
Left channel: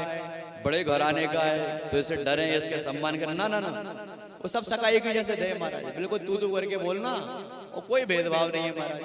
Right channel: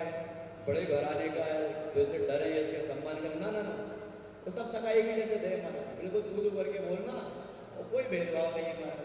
बड़े घराने का है, तो इसे डरे, इसके सम्मान करें। ना ना ना, वो सब सका एक ही जैसे थे महाराज, बिल्कुल तू करके बोलना, और कोई भेदभाव नहीं है महाराज।